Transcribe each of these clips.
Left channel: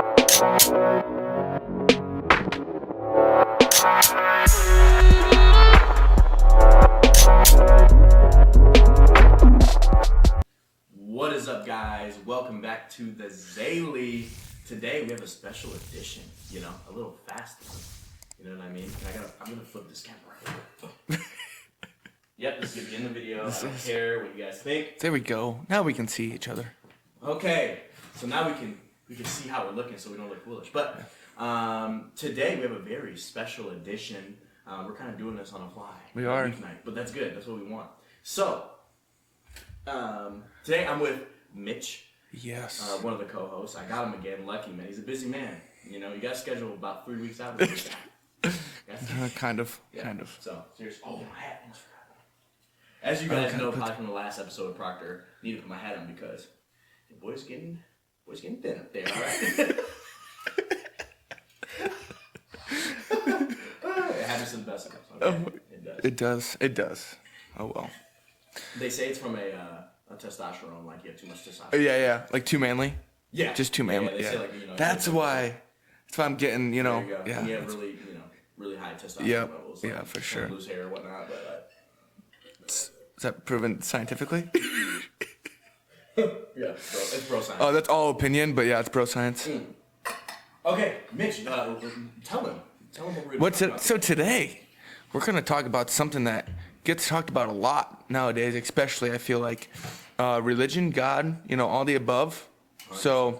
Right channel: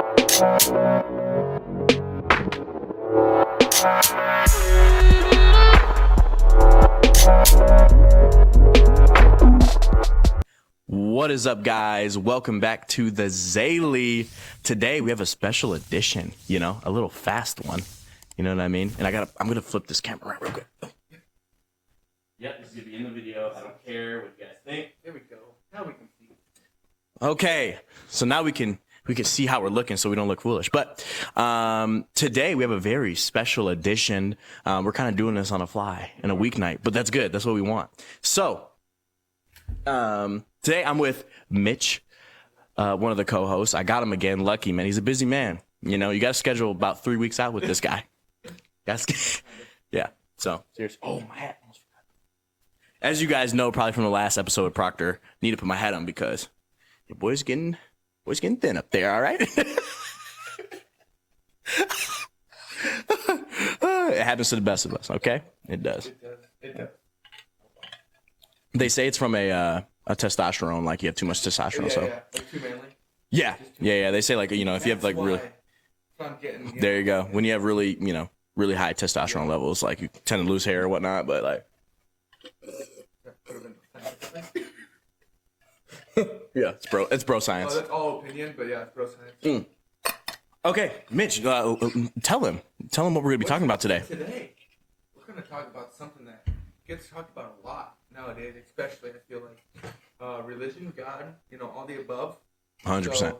What is up, guys? Welcome back to the Zaily. Today we have a special edition, a little fast one. You know what I mean? And I'm gonna flip this camera around real quick. Yep, this is gonna be in the video. I don't care what you guys think. There we go. Now we can see each other. Okay, so now we can see how we're looking, so we don't look foolish. But today we have a very special edition. We're kind of doing this on a fly a weeknight, but that's good. That's what we want. So today I'm with Mitch. Yes. One of the co-hosts. I got him again. Lucky, man. He's a busy man. You got to schedule about 3 weeks out with this guy. Kind of. Yeah. Kind of. So, seriously. Oh, my hat. As you guys know, probably from the last episode with Proctor, need to put my hat on because your boy's getting thin up there, all right? It happens to the best of us, okay? It does. It does. Oh, well. They say it's from a testosterone, like you have too much testosterone. Yeah. Like too manly? Yeah. Just too manly. Yeah, they say like, if you have like... That's why I'm getting, There you go. Yeah. When you have really, really hhigh testosterone levels, like you tend to lose hair or whatnot, but like... Is that proven scientifically? Yeah, it's bro science. Oh, that's all opinion, but yeah, it's bro science. Okay, Mitch, tell him what we're going to be talking about today. So today, we're going to talk about something that gets talked about a lot nowadays, especially I feel like religion, God, all the above. 100%. So,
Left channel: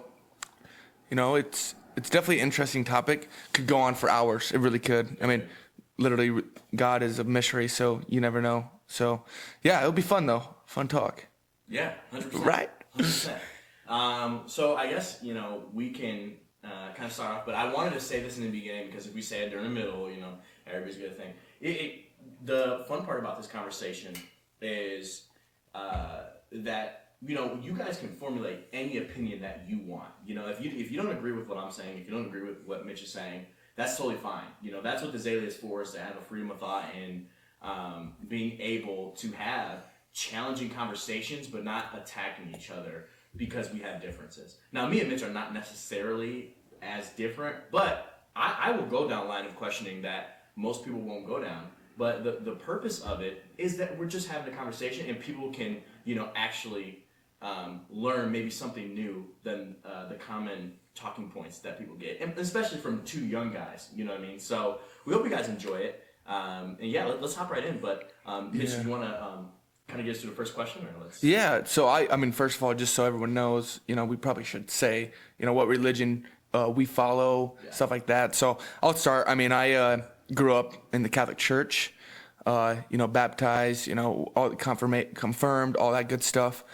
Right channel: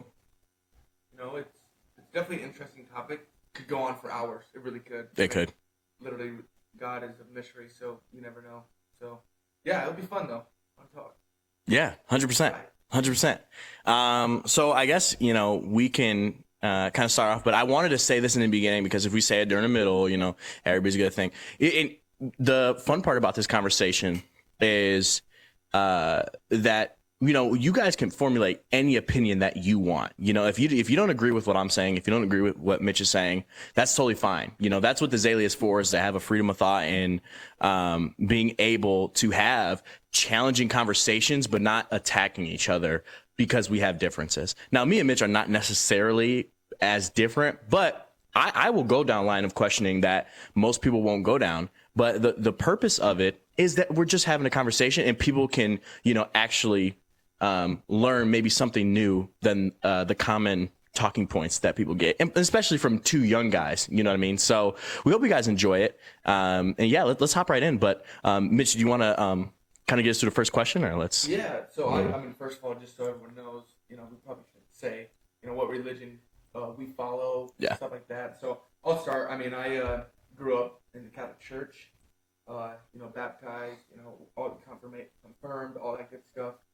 it's definitely an interesting topic. Could go on for hours. It really could. It could. Literally, God is a mystery, so you never know. So, yeah, it'll be fun though. Fun talk. Yeah, 100%. Right. 100%. So I guess, we can kind of start off, but I wanted to say this in the beginning because if we say it during the middle, everybody's going to think. The fun part about this conversation is that, you guys can formulate any opinion that you want. If you don't agree with what I'm saying, if you don't agree with what Mitch is saying, that's totally fine. That's what the Zaily is for, is to have a freedom of thought and being able to have challenging conversations, but not attacking each other because we have differences. Now, me and Mitch are not necessarily as different, but I will go down line of questioning that most people won't go down. But the purpose of it is that we're just having a conversation and people can, actually learn maybe something new than the common talking points that people get, and especially from two young guys, you know what I mean? So we hope you guys enjoy it. And yeah, let's hop right in. But Mitch, do you want to kind of get us to the first question, or let's? Yeah. So I mean, first of all, just so everyone knows, we probably should say, what religion we follow, stuff like that. So I'll start. I mean, I grew up in the Catholic Church, baptized, all confirmed, all that good stuff.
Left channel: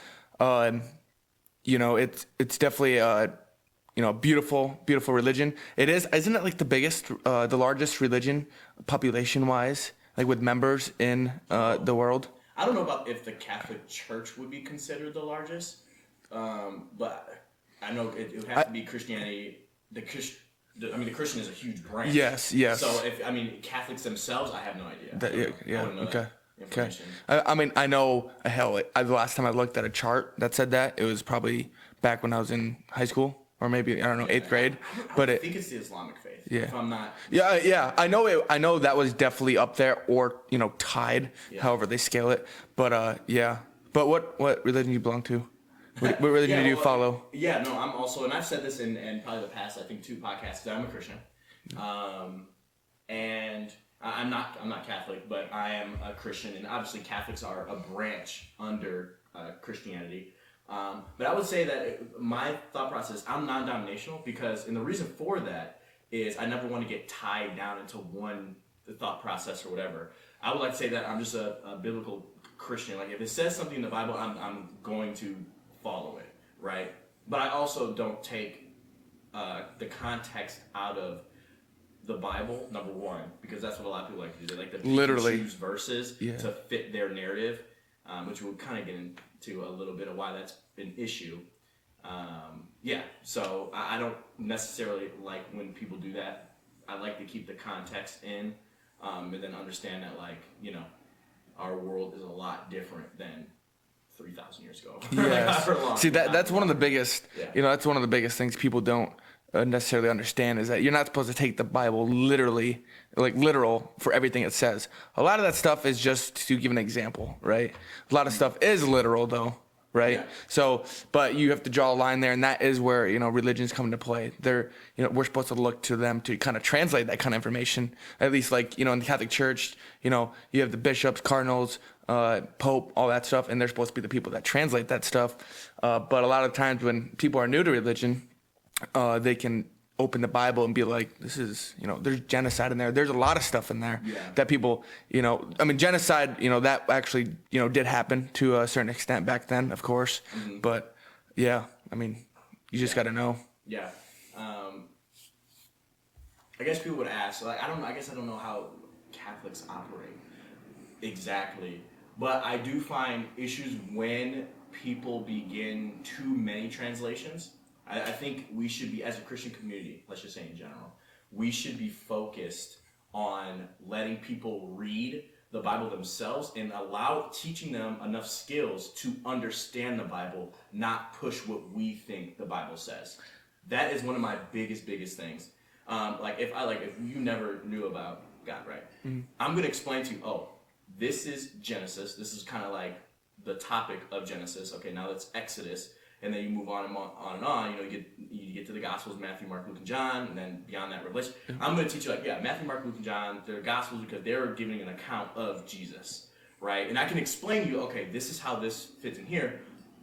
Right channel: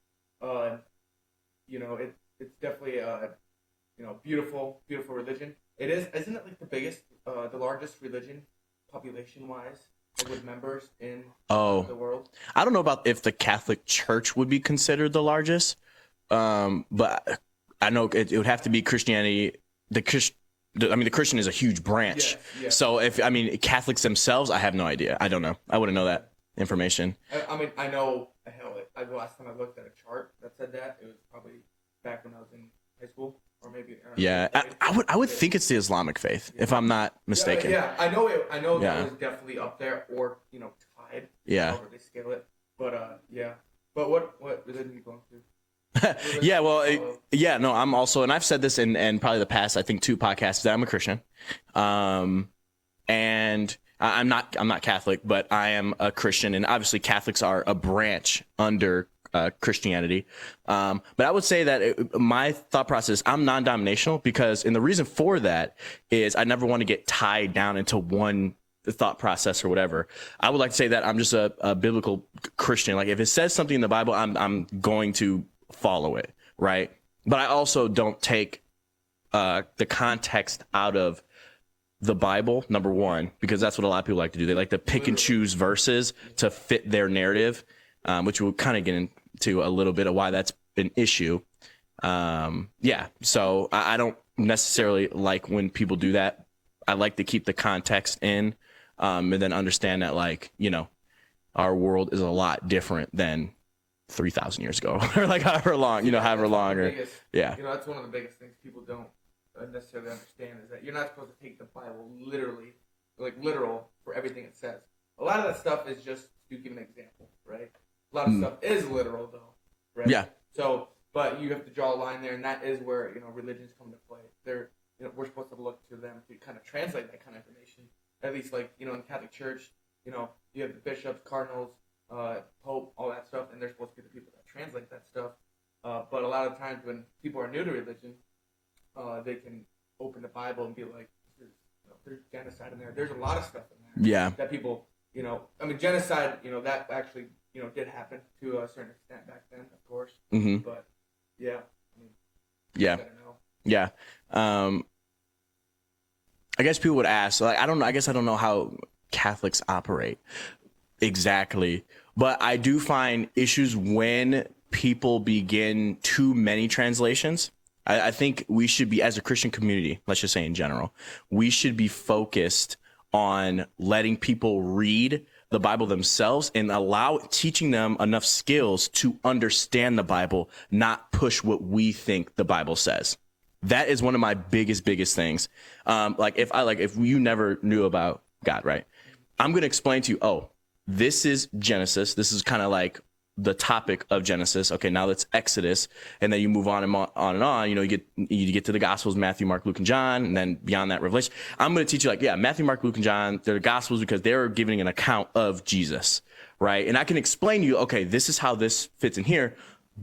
It's definitely beautiful religion. It is, isn't it like the largest religion population wise, like with members in the world? I don't know about if the Catholic Church would be considered the largest, but I know it would have to be Christianity. The Christian is a huge branch. Yes. So Catholics themselves, I have no idea. I don't know. I wouldn't know that information. Okay. I know the last time I looked at a chart that said that, it was probably back when I was in high school, or maybe, I don't know, 8th grade. I would think it's the Islamic faith, if I'm not mistaken. Yeah. I know that was definitely up there, or, tied, however they scale it. But, But what religion do you belong to? What religion do you follow? I'm also, and I've said this in probably the past, I think 2 podcasts, that I'm a Christian. And I'm not Catholic, but I am a Christian, and obviously Catholics are a branch under Christianity. But I would say that my thought process, I'm non-denominational, and the reason for that is I never want to get tied down into one thought process or whatever. I would like to say that I'm just a biblical Christian. Like if it says something in the Bible, I'm going to follow it, right? But I also don't take the context out of the Bible, number one, because that's what a lot of people like to do. They like to pick and choose verses to fit their narrative, which we'll kind of get into a little bit of why that's an issue. So I don't necessarily like when people do that. I like to keep the context in, and then understand that, like, our world is a lot different than 3,000 years ago, or like however long. See, that's one of the biggest. Yeah. That's one of the biggest things people don't necessarily understand is that you're not supposed to take the Bible literally, like literal for everything it says. A lot of that stuff is just to give an example, right? A lot of stuff is literal though, right? Yeah. So, but you have to draw a line there, and that is where, you know, religions come into play. They're, you know, we're supposed to look to them to kind of translate that kind of information. At least, like, you know, in the Catholic Church, you know, you have the bishops, cardinals, Pope, all that stuff, and they're supposed to be the people that translate that stuff. But a lot of times when people are new to religion, they can open the Bible and be like, this is, you know, there's genocide in there. There's a lot of stuff in there that people, you know, I mean, genocide, you know, that actually, you know, did happen to a certain extent back then, of course. But yeah, I mean, you just got to know. Yeah. I guess people would ask, like, I don't know. I guess I don't know how Catholics operate exactly, but I do find issues when people begin too many translations. I think we should be, as a Christian community, let's just say in general, we should be focused on letting people read the Bible themselves and teaching them enough skills to understand the Bible, not push what we think the Bible says. That is one of my biggest things. If you never knew about God, right? I'm going to explain to you, oh, this is Genesis. This is kind of like the topic of Genesis. Okay, now that's Exodus, and then you move on and on. You know, you get to the Gospels, Matthew, Mark, Luke, and John, and then beyond that, Revelation. I'm going to teach you, like, yeah, Matthew, Mark, Luke, and John, they're Gospels because they're giving an account of Jesus, right? And I can explain to you, okay, this is how this fits in here,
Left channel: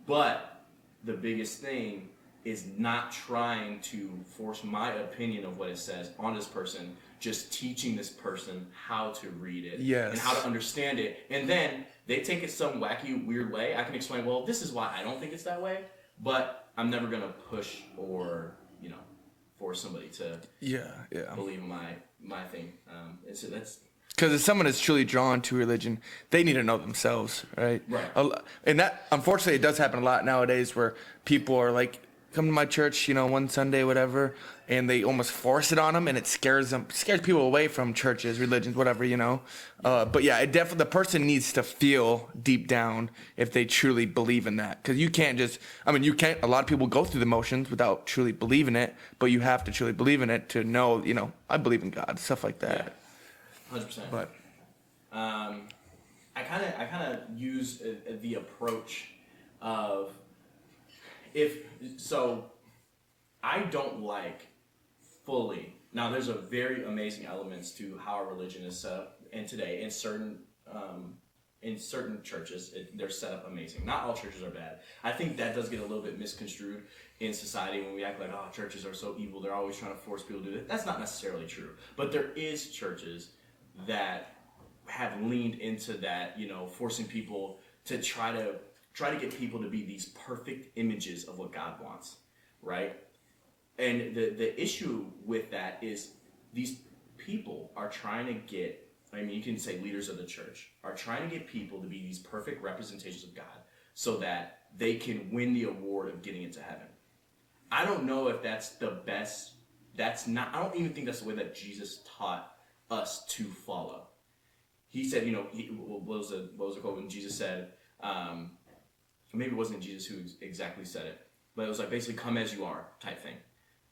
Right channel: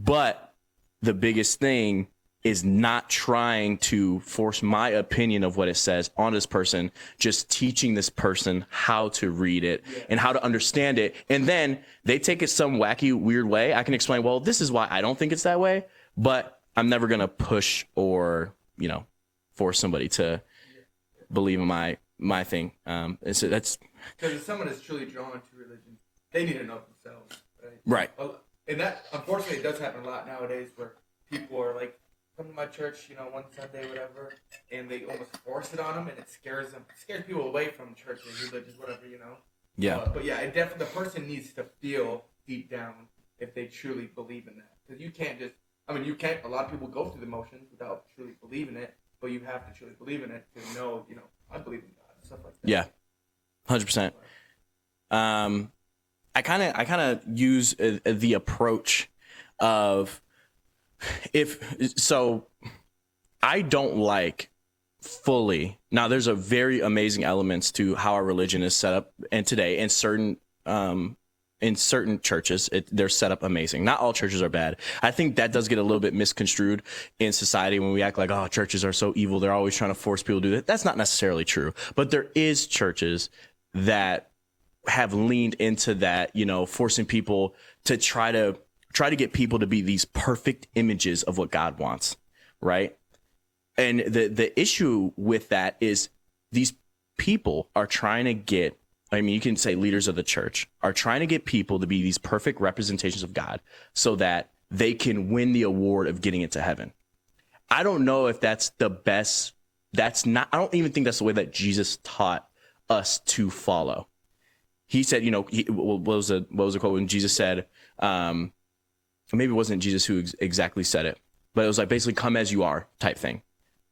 but the biggest thing is not trying to force my opinion of what it says on this person, just teaching this person how to read it and how to understand it. And then they take it some wacky, weird way. I can explain, well, this is why I don't think it's that way, but I'm never going to push or, you know, force somebody to believe in my thing. That's because if someone is truly drawn to religion, they need to know themselves, right? Right. And that, unfortunately, it does happen a lot nowadays where people are like, come to my church, you know, one Sunday, whatever, and they almost force it on them, and it scares people away from churches, religions, whatever, you know. But yeah, it definitely, the person needs to feel deep down if they truly believe in that, because you can't just, I mean, you can't. A lot of people go through the motions without truly believing it, but you have to truly believe in it to know, you know, I believe in God, stuff like that. Yeah, 100%. I kind of use the approach of, I don't like fully. Now, there's a very amazing elements to how our religion is set up, and today in certain churches, they're set up amazing. Not all churches are bad. I think that does get a little bit misconstrued in society when we act like, oh, churches are so evil. They're always trying to force people to do that. That's not necessarily true. But there is churches that have leaned into that, you know, forcing people to try to get people to be these perfect images of what God wants, right? And the issue with that is these people are trying to get, I mean, you can say leaders of the church are trying to get people to be these perfect representations of God so that they can win the award of getting into heaven. I don't know if that's the best. I don't even think that's the way that Jesus taught us to follow. He said, you know, what was the quote when Jesus said, maybe it wasn't Jesus who exactly said it, but it was like basically come as you are type thing,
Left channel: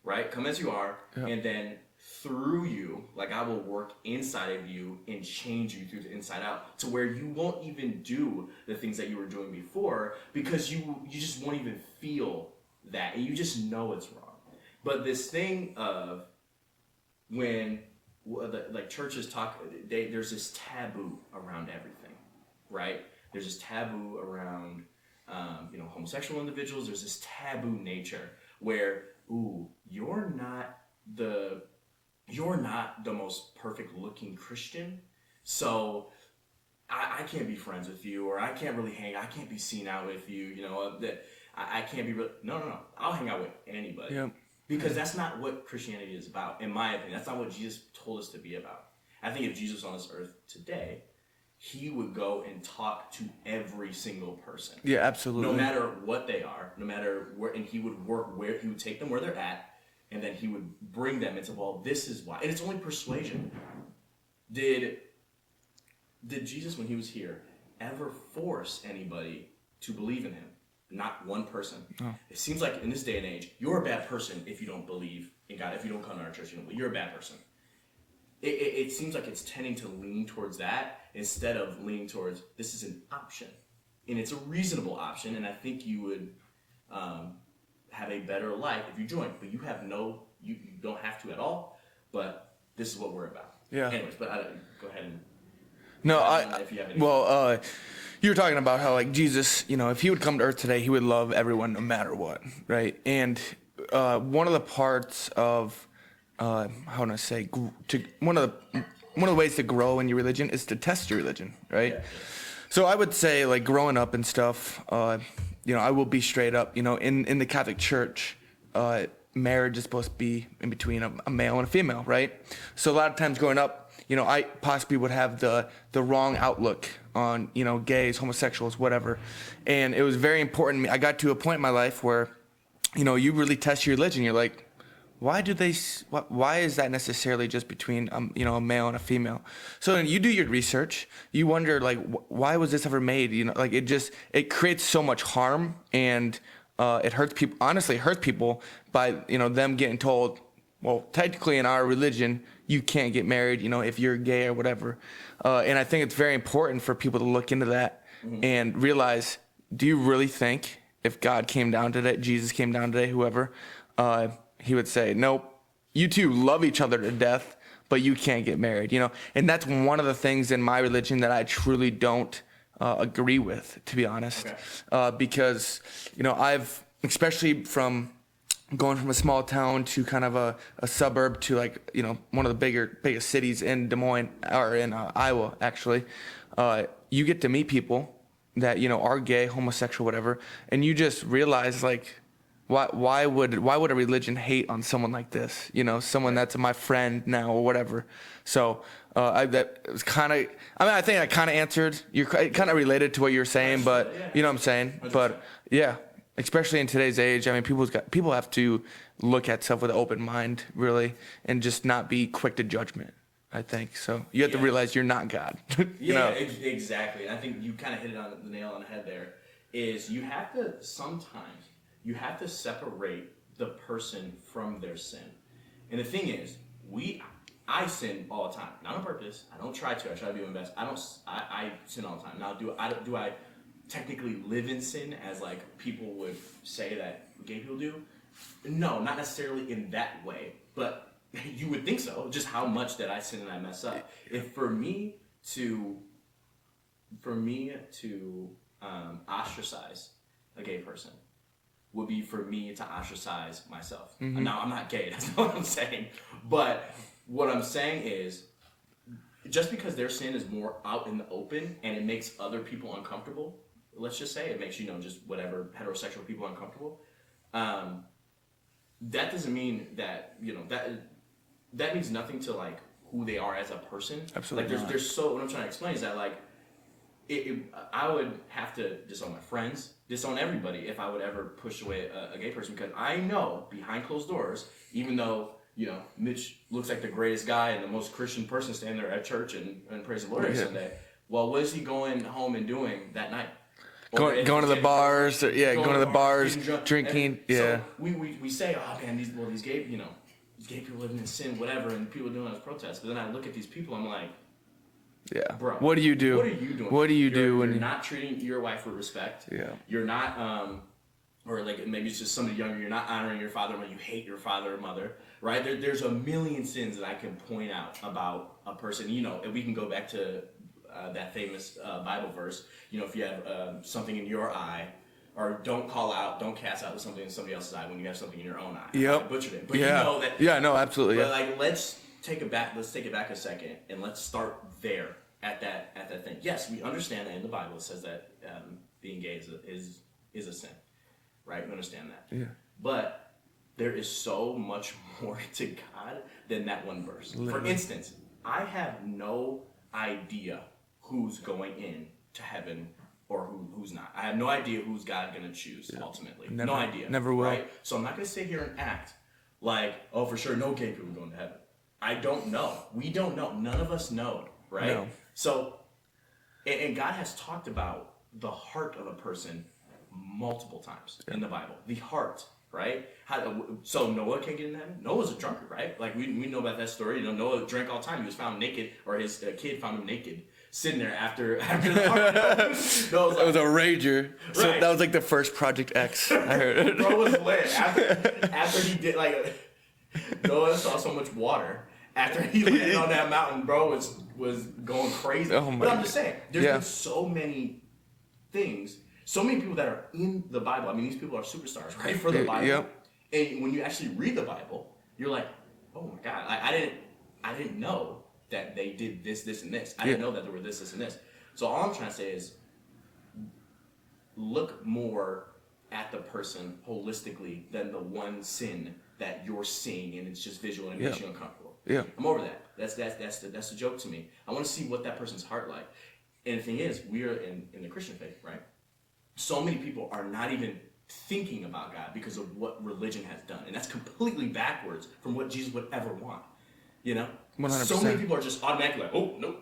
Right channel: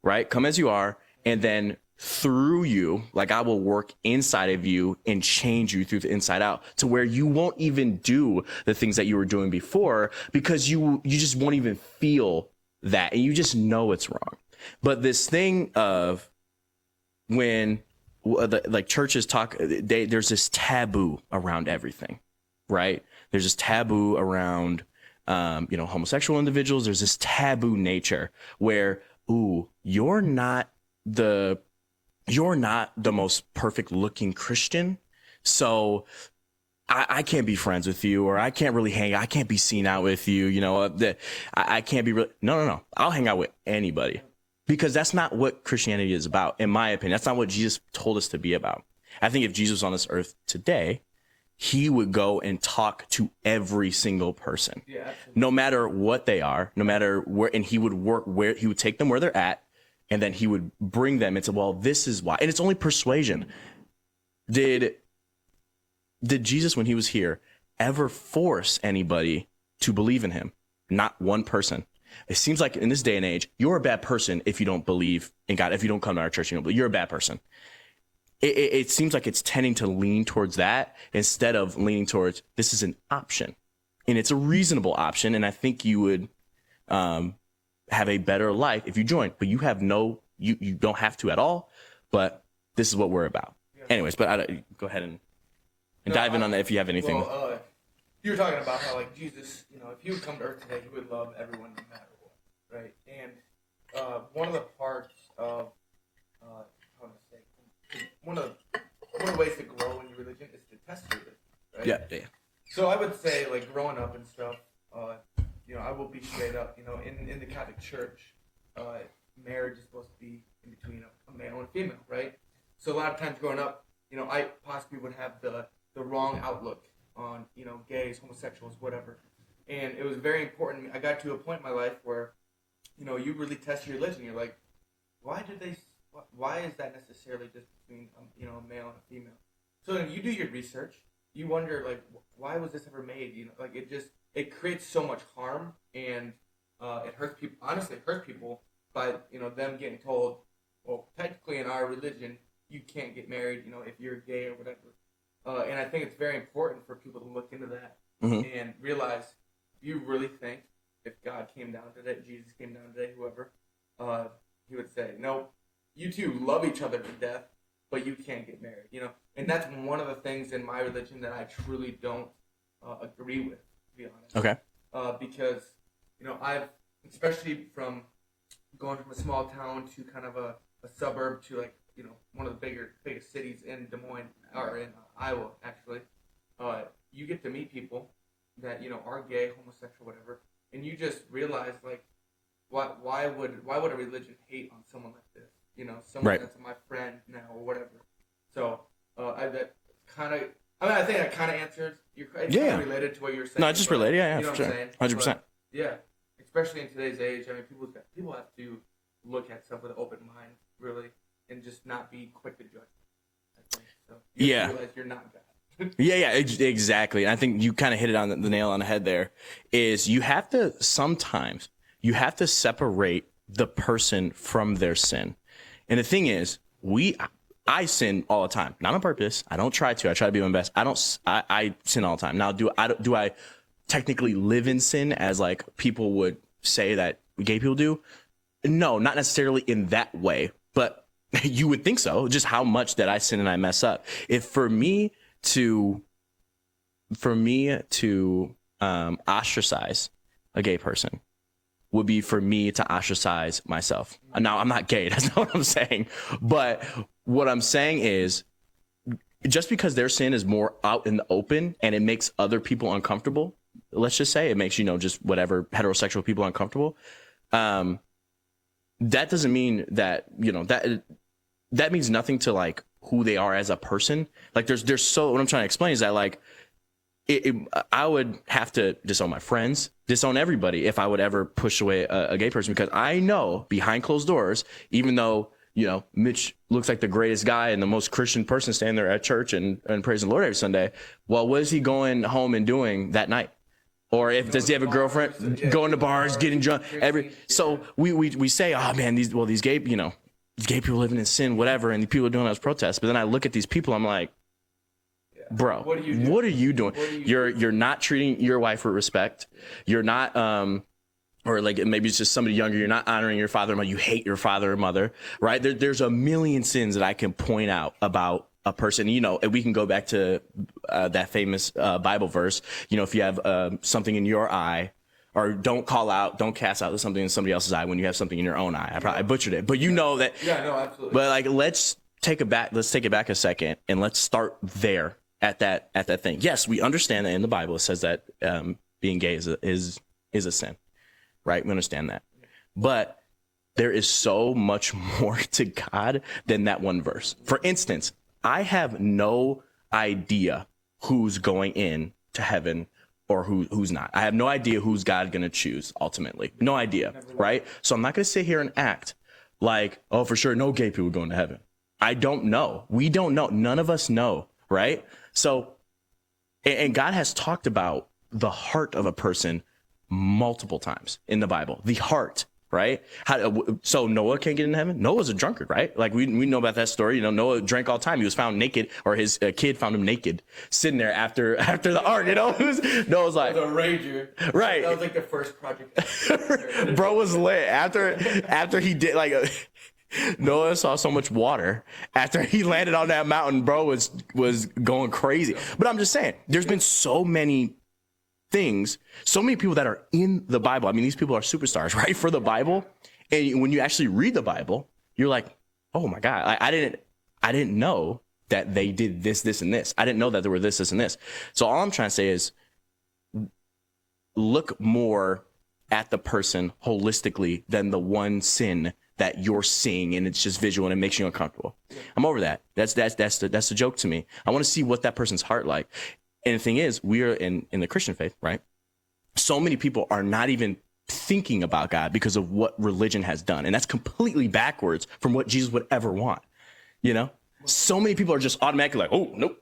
right? Come as you are. And then through you, like I will work inside of you and change you through the inside out to where you won't even do the things that you were doing before because you just won't even feel that. And you just know it's wrong. But this thing of when like churches talk, there's this taboo around everything, right? There's this taboo around you know, homosexual individuals. There's this taboo nature where, ooh, you're not the most perfect looking Christian, so I can't be friends with you, or I can't really I can't be seen out with you. You know, I can't be no. I'll hang out with anybody because that's not what Christianity is about, in my opinion. That's not what Jesus told us to be about. I think if Jesus was on this earth today, he would go and talk to every single person. Yeah, absolutely. No matter what they are, no matter where, and he would take them where they're at, and then he would bring them into, well, this is why. And it's only persuasion. Did Jesus, when he was here, ever force anybody to believe in him? Not one person. It seems like in this day and age, you're a bad person if you don't believe in God. If you don't come to our church, you're a bad person. It seems like it's tending to lean towards that instead of leaning towards this is an option, and it's a reasonable option. And I think you would have a better life if you join. But you have you don't have to at all. But this is what we're about. Yeah. Anyways, but go ahead and dive in on that if you have anything. Well, you were talking about how like Jesus, if he would come to earth today, he would love everyone no matter what, right? And one of the parts of how would I say one of the ways to grow in your religion is to test your religion, right? Yeah. So I would say like growing up and stuff, I will be straight up, in the Catholic Church, marriage is supposed to be in between a male and a female, right? So a lot of times growing up, I possibly would have the wrong outlook on, gays, homosexuals, whatever. And it was very important to me. I got to a point in my life where, you really test your religion. You're like, why is that necessarily just between, a male and a female? So then you do your research. You wonder, like, why was this ever made? It creates so much harm, and it hurts people. Honestly, it hurts people by, them getting told, well, technically in our religion, you can't get married, if you're gay or whatever. And I think it's very important for people to look into that and realize, do you really think if God came down today, Jesus came down today, whoever, he would say, nope, you two love each other to death, but you can't get married, And that's one of the things in my religion that I truly don't agree with, to be honest. Okay. Because, I've, especially from going from a small town to kind of a suburb to like, one of the biggest cities in Des Moines, or in Iowa, actually, you get to meet people that, are gay, homosexual, whatever, and you just realize like, why would a religion hate on someone like this? Someone that's my friend now or whatever. So I think I kind of answered. You're kind of related to what you're saying, but related, yeah, you know what I'm saying? 100%. But, yeah, especially in today's age. I mean, people have to look at stuff with an open mind, really, and just not be quick to judgment. I think so. You have to realize you're not God. Exactly. And I think you kind of hit it on the nail on the head. There is you have to separate the person from their sin. And the thing is, I sin all the time, not on purpose. I don't try to. I try to be my best. I sin all the time. Now, do I technically live in sin as like people would say that gay people do? No, not necessarily in that way, but you would think so. Just how much that I sin and I mess up. If for me to ostracize a gay person would be for me to ostracize myself. Now, I'm not gay. That's not what I'm saying. But what I'm saying is, just because their sin is more out in the open and it makes other people uncomfortable, let's just say it makes, just whatever heterosexual people uncomfortable, that doesn't mean that, that means nothing to like who they are as a person. Absolutely. Like there's what I'm trying to explain is that like, I would have to disown my friends, disown everybody if I would ever push away a gay person, because I know behind closed doors, even though, Mitch looks like the greatest guy and the most Christian person standing there at church and praising the Lord every Sunday. Well, what is he going home and doing that night? Or does he have a girlfriend? Going to bars, getting drunk, drinking. So we say, oh man, these gay, these gay people living in sin, whatever, and the people are doing those protests. But then I look at these people, I'm like, yeah, bro, what do you do? What are you doing? What do you do? You're not treating your wife with respect. Yeah. You're not, or like maybe it's just somebody younger. You're not honoring your father and mother. You hate your father or mother, right? There's a million sins that I can point out about a person. And we can go back to that famous Bible verse. If you have something in your eye, or don't cast out something in somebody else's eye when you have something in your own eye. I butchered it, but you know that. Yeah, no, absolutely. But like, let's take it back a second and let's start there at that thing. Yes, we understand that in the Bible it says that being gay is a sin, right? We understand that. Yeah. But there is so much more to God than that one verse. For instance, I have no idea who's going in to heaven or who's not. I have no idea who's God going to choose ultimately. No idea. Never will. Right? So I'm not going to sit here and act like, oh, for sure, no gay people going to heaven. I don't know. We don't know. None of us know, right? No. So, and God has talked about the heart of a person multiple times in the Bible. The heart, right? So Noah can't get into heaven? Noah's a drunkard, right? Like we know about that story. You know, Noah drank all the time. He was found naked, or his kid found him naked, sitting there after the ark, you know? Noah's like... It was a rager. Right. So that was like the first Project X. Bro was lit. After he did Noah saw so much water after he landed on that mountain. Bro was going crazy. But I'm just saying, there's been so many things, so many people that are in the Bible. I mean, these people are superstars, right, for the Bible. And when you actually read the Bible, you're like, oh my God, I didn't know that they did this, this, and this. I didn't know that there were this, this, and this. So all I'm trying to say is look more at the person holistically than the one sin that you're seeing, and it's just visual and it makes you uncomfortable. Yeah. I'm over that. That's the joke to me. I want to see what that person's heart like. And the thing is, we are in the Christian faith, right? So many people are not even thinking about God because of what religion has done. And that's completely backwards from what Jesus would ever want. You know? 100%. So many people are just automatically like, oh, nope.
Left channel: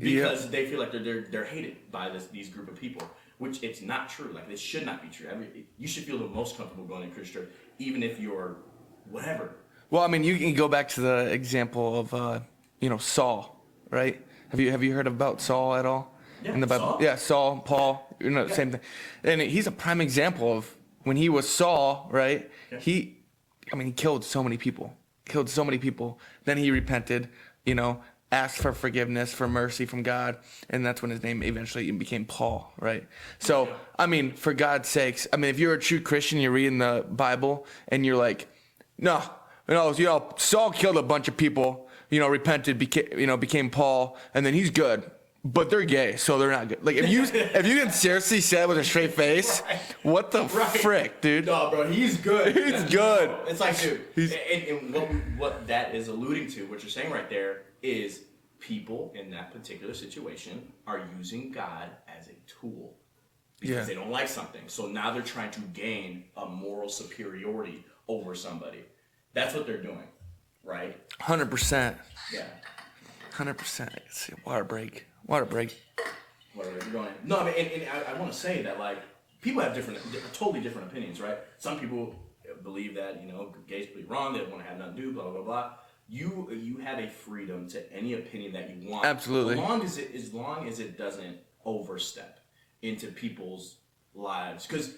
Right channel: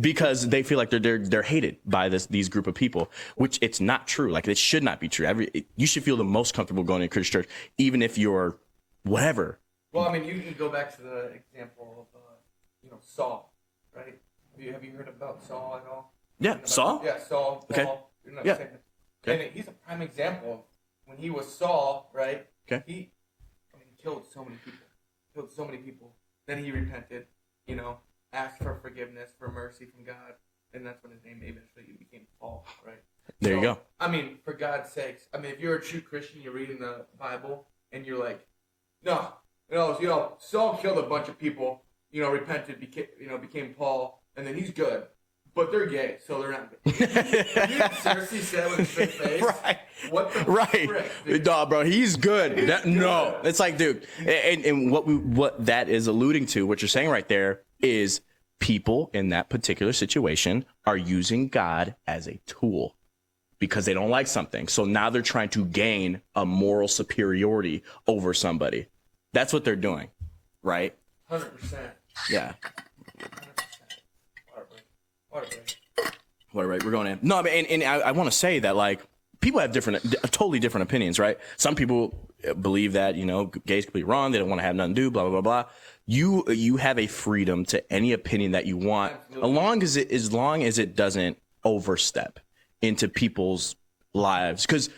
Because they feel like they're hated by these group of people, which it's not true. Like, it should not be true. You should feel the most comfortable going to a Christian church, even if you're whatever. Well, I mean, you can go back to the example of, Saul, right? Have you heard about Saul at all? Yeah, in the Bible? Saul? Yeah, Saul, Paul, same thing. And he's a prime example of when he was Saul, right? Okay. He killed so many people. Then he repented, asked for forgiveness, for mercy from God, and that's when his name eventually became Paul, right? There you go. I mean, for God's sakes, if you're a true Christian, you're reading the Bible, and you're like, no, Saul killed a bunch of people, repented, became Paul, and then he's good. But they're gay, so they're not good. Like, if you can seriously say that with a straight face, right. What the frick, dude? Dog, bro, he's good. He's good. No, it's like, dude, and what that is alluding to, what you're saying right there, is people in that particular situation are using God as a tool because they don't like something. So now they're trying to gain a moral superiority over somebody. That's what they're doing, right? 100%. Yeah. 100%. Let's see, water break. We're going in. No, and I want to say that, like, people have totally different opinions, right? Some people believe that, gays could be wrong. They don't want to have nothing to do, blah, blah, blah, blah. You have a freedom to any opinion that you want. Absolutely. As long as it doesn't overstep into people's lives. Because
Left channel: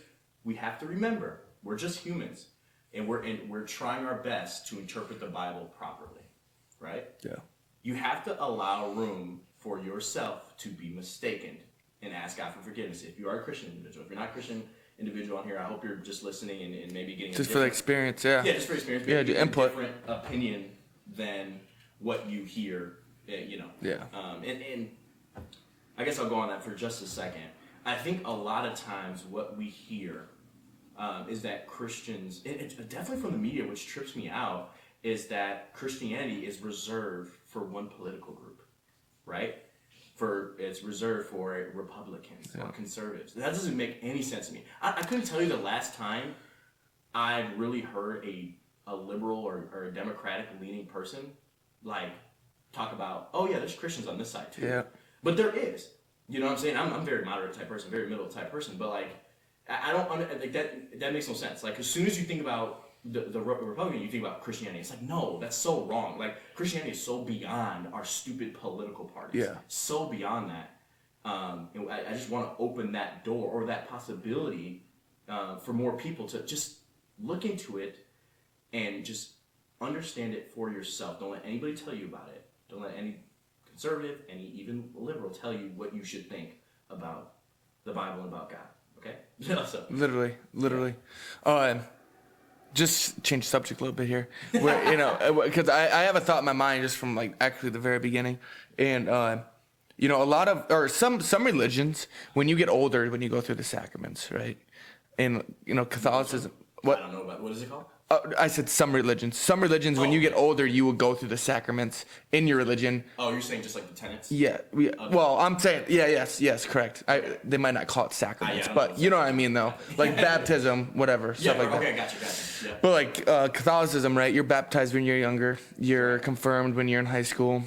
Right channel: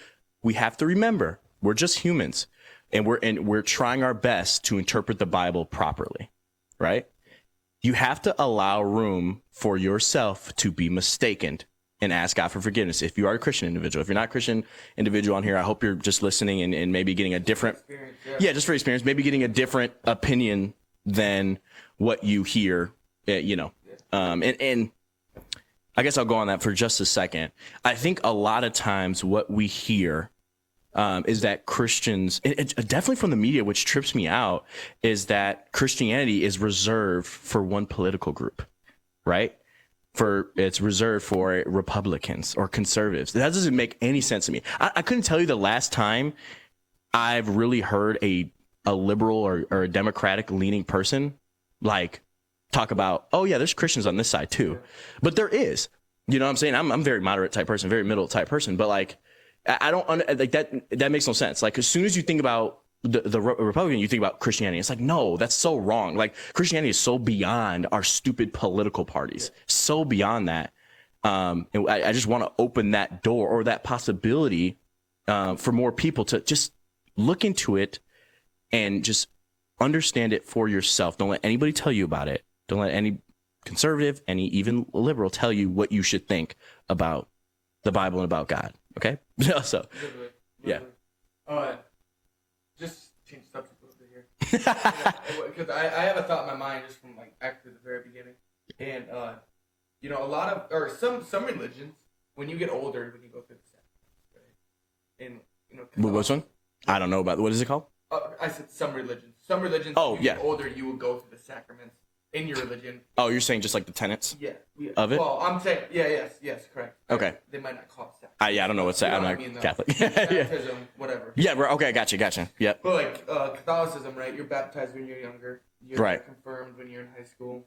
we have to remember, we're just humans. And we're trying our best to interpret the Bible properly, right? Yeah. You have to allow room for yourself to be mistaken and ask God for forgiveness. If you are a Christian individual, if you're not a Christian individual on here, I hope you're just listening and maybe getting a different experience. Yeah, just for experience, maybe getting a different opinion than what you hear. Yeah. And I guess I'll go on that for just a second. I think a lot of times what we hear is that Christians, definitely from the media, which trips me out, is that Christianity is reserved for one political group, right? It's reserved for Republicans or conservatives. That doesn't make any sense to me. I couldn't tell you the last time I've really heard a liberal or a Democratic leaning person like talk about, oh yeah, there's Christians on this side too. Yeah. But there is. You know what I'm saying? I'm a very moderate type person, very middle type person, but like, I don't like that. That makes no sense. Like, as soon as you think about the Republican, you think about Christianity. It's like, no, that's so wrong. Like, Christianity is so beyond our stupid political parties. Yeah. So beyond that. And I just want to open that door or that possibility for more people to just look into it and just understand it for yourself. Don't let anybody tell you about it. Don't let any conservative, any even liberal tell you what you should think about the Bible and about God. Okay? So literally. Yeah. Just change subject a little bit here. Because I have a thought in my mind just from like actually the very beginning. And a lot of, or some religions, when you get older, when you go through the sacraments, right? And Catholicism. I don't know about, what is it called? I said some religions. Some religions, when you get older, you will go through the sacraments in your religion. Oh, you're saying just like the tenets? Yeah. Of it? Well, I'm saying, yes, correct. Okay. They might not call it sacraments. I don't know what's that. You know what I mean, though. Catholic. Like baptism, whatever. Yeah, bro. Okay, gotcha. Yeah. But like Catholicism, right? You're baptized when you're younger. You're confirmed when you're in high school.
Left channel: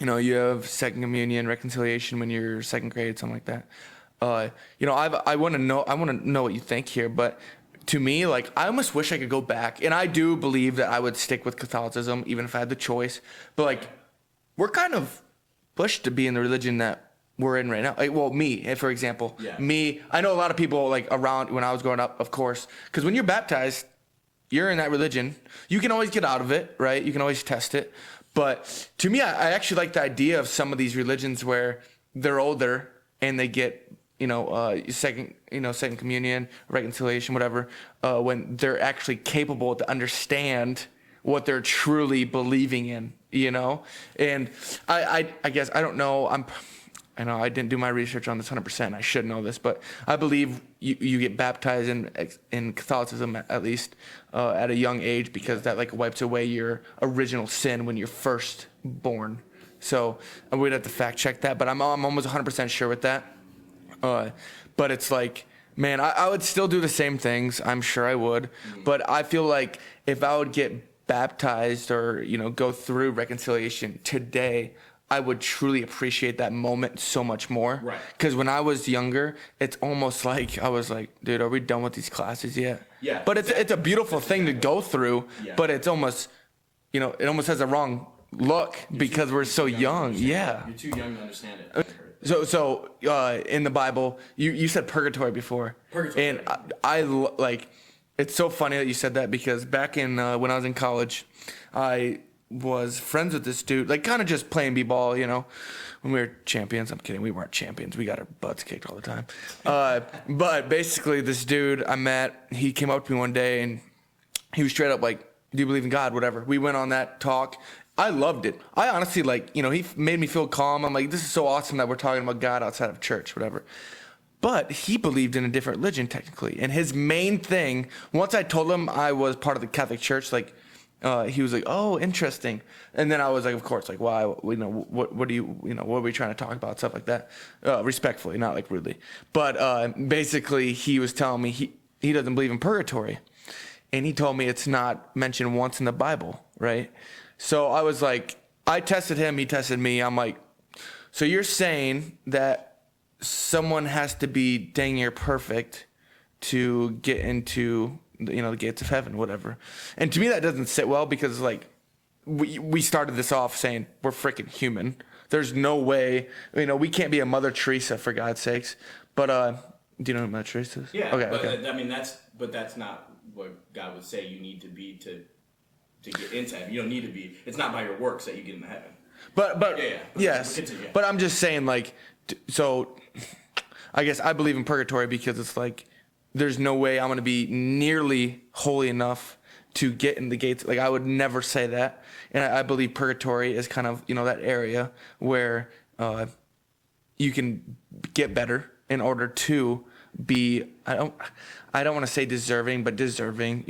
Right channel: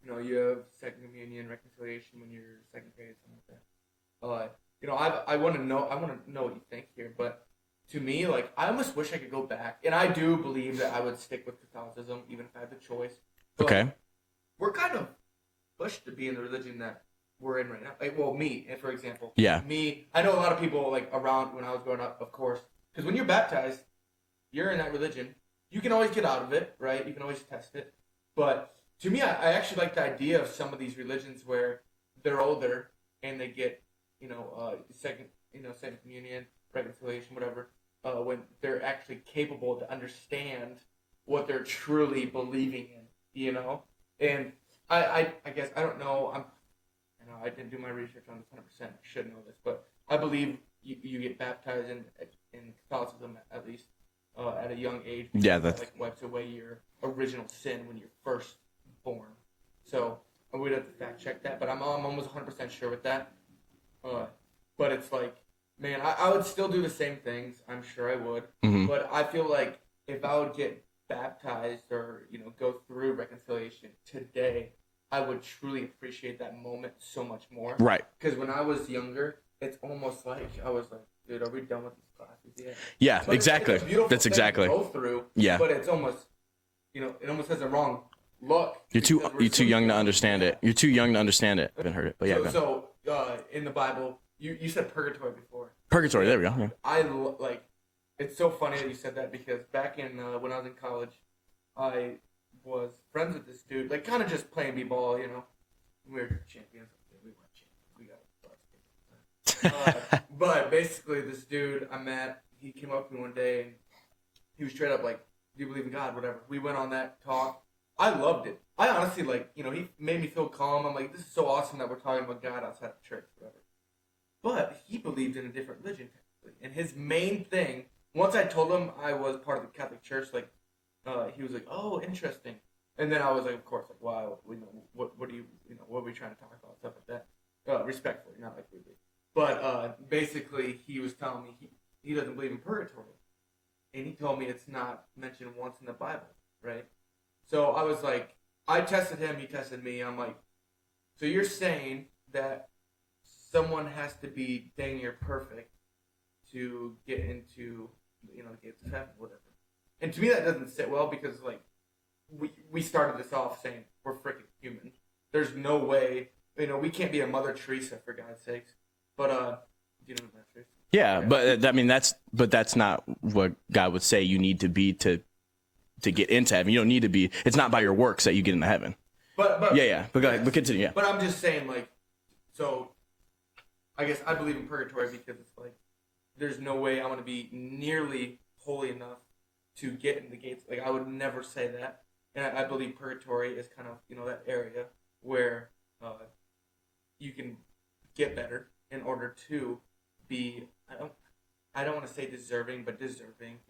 You have second communion, reconciliation when you're second grade, something like that. I want to know what you think here, but to me, like, I almost wish I could go back, and I do believe that I would stick with Catholicism even if I had the choice. But Okay. like, we're kind of pushed to be in the religion that we're in right now. Like, well, me, for example. Yeah. Me, I know a lot of people like around when I was growing up, of course, because when you're baptized, you're in that religion. You can always get out of it, right? You can always test it. But to me, I actually like the idea of some of these religions where they're older and they get, second communion, reconciliation, whatever, when they're actually capable to understand what they're truly believing in, And I guess, I don't know, I know I didn't do my research on this 100%. I should know this, but I believe you get baptized in Catholicism at least at a young age because that like wipes away your original sin when you're first born. So I would have to fact check that, but I'm almost 100% sure with that. But it's like, man, I would still do the same things. I'm sure I would, but I feel like if I would get baptized or go through reconciliation today, I would truly appreciate that moment so much more. Right. Because when I was younger, it's almost like I was like, dude, are we done with these classes yet? Yeah, but exactly. it's a beautiful thing to go through. Yeah. But it's almost, it almost has a wrong look because we're so young to understand yeah. it. You're too young to understand it. I haven't heard it. But So in the Bible, you said purgatory before. Purgatory, And there we go. I like. It's so funny that you said that because back in when I was in college, I was friends with this dude, like kind of just playing b-ball, when we were champions. I'm kidding, we weren't champions. We got our butts kicked all the time. But basically, this dude I met, he came up to me one day and he was straight up like, "Do you believe in God?" Whatever. We went on that talk. I loved it. I honestly he made me feel calm. I'm like, this is so awesome that we're talking about God outside of church, whatever. But he believed in a different religion technically, and his main thing. Once I told him I was part of the Catholic Church, he was like, "Oh, interesting." And then I was like, "Of course, like why? What do you, what are we trying to talk about?" Stuff like that, respectfully, not like rudely. But basically, he was telling me he doesn't believe in purgatory, and he told me it's not mentioned once in the Bible, right? So I was like, I tested him, he tested me. I'm like, so you're saying that someone has to be dang near perfect to get into the gates of heaven, whatever. And to me that doesn't sit well because like we started this off saying we're freaking human. There's no way, we can't be a Mother Teresa for God's sakes. But do you know what Mother Teresa is? Yeah, okay, but okay. I mean that's not what God would say you need to be to get into heaven. You don't need to be. It's not by your works that you get into heaven. But yeah. But continue. Yeah. But I'm just saying, like, so I guess I believe in purgatory because it's like there's no way I'm going to be nearly holy enough to get in the gates. Like, I would never say that. And I believe purgatory is kind of, that area where you can get better in order to be, I don't want to say deserving, but deserving.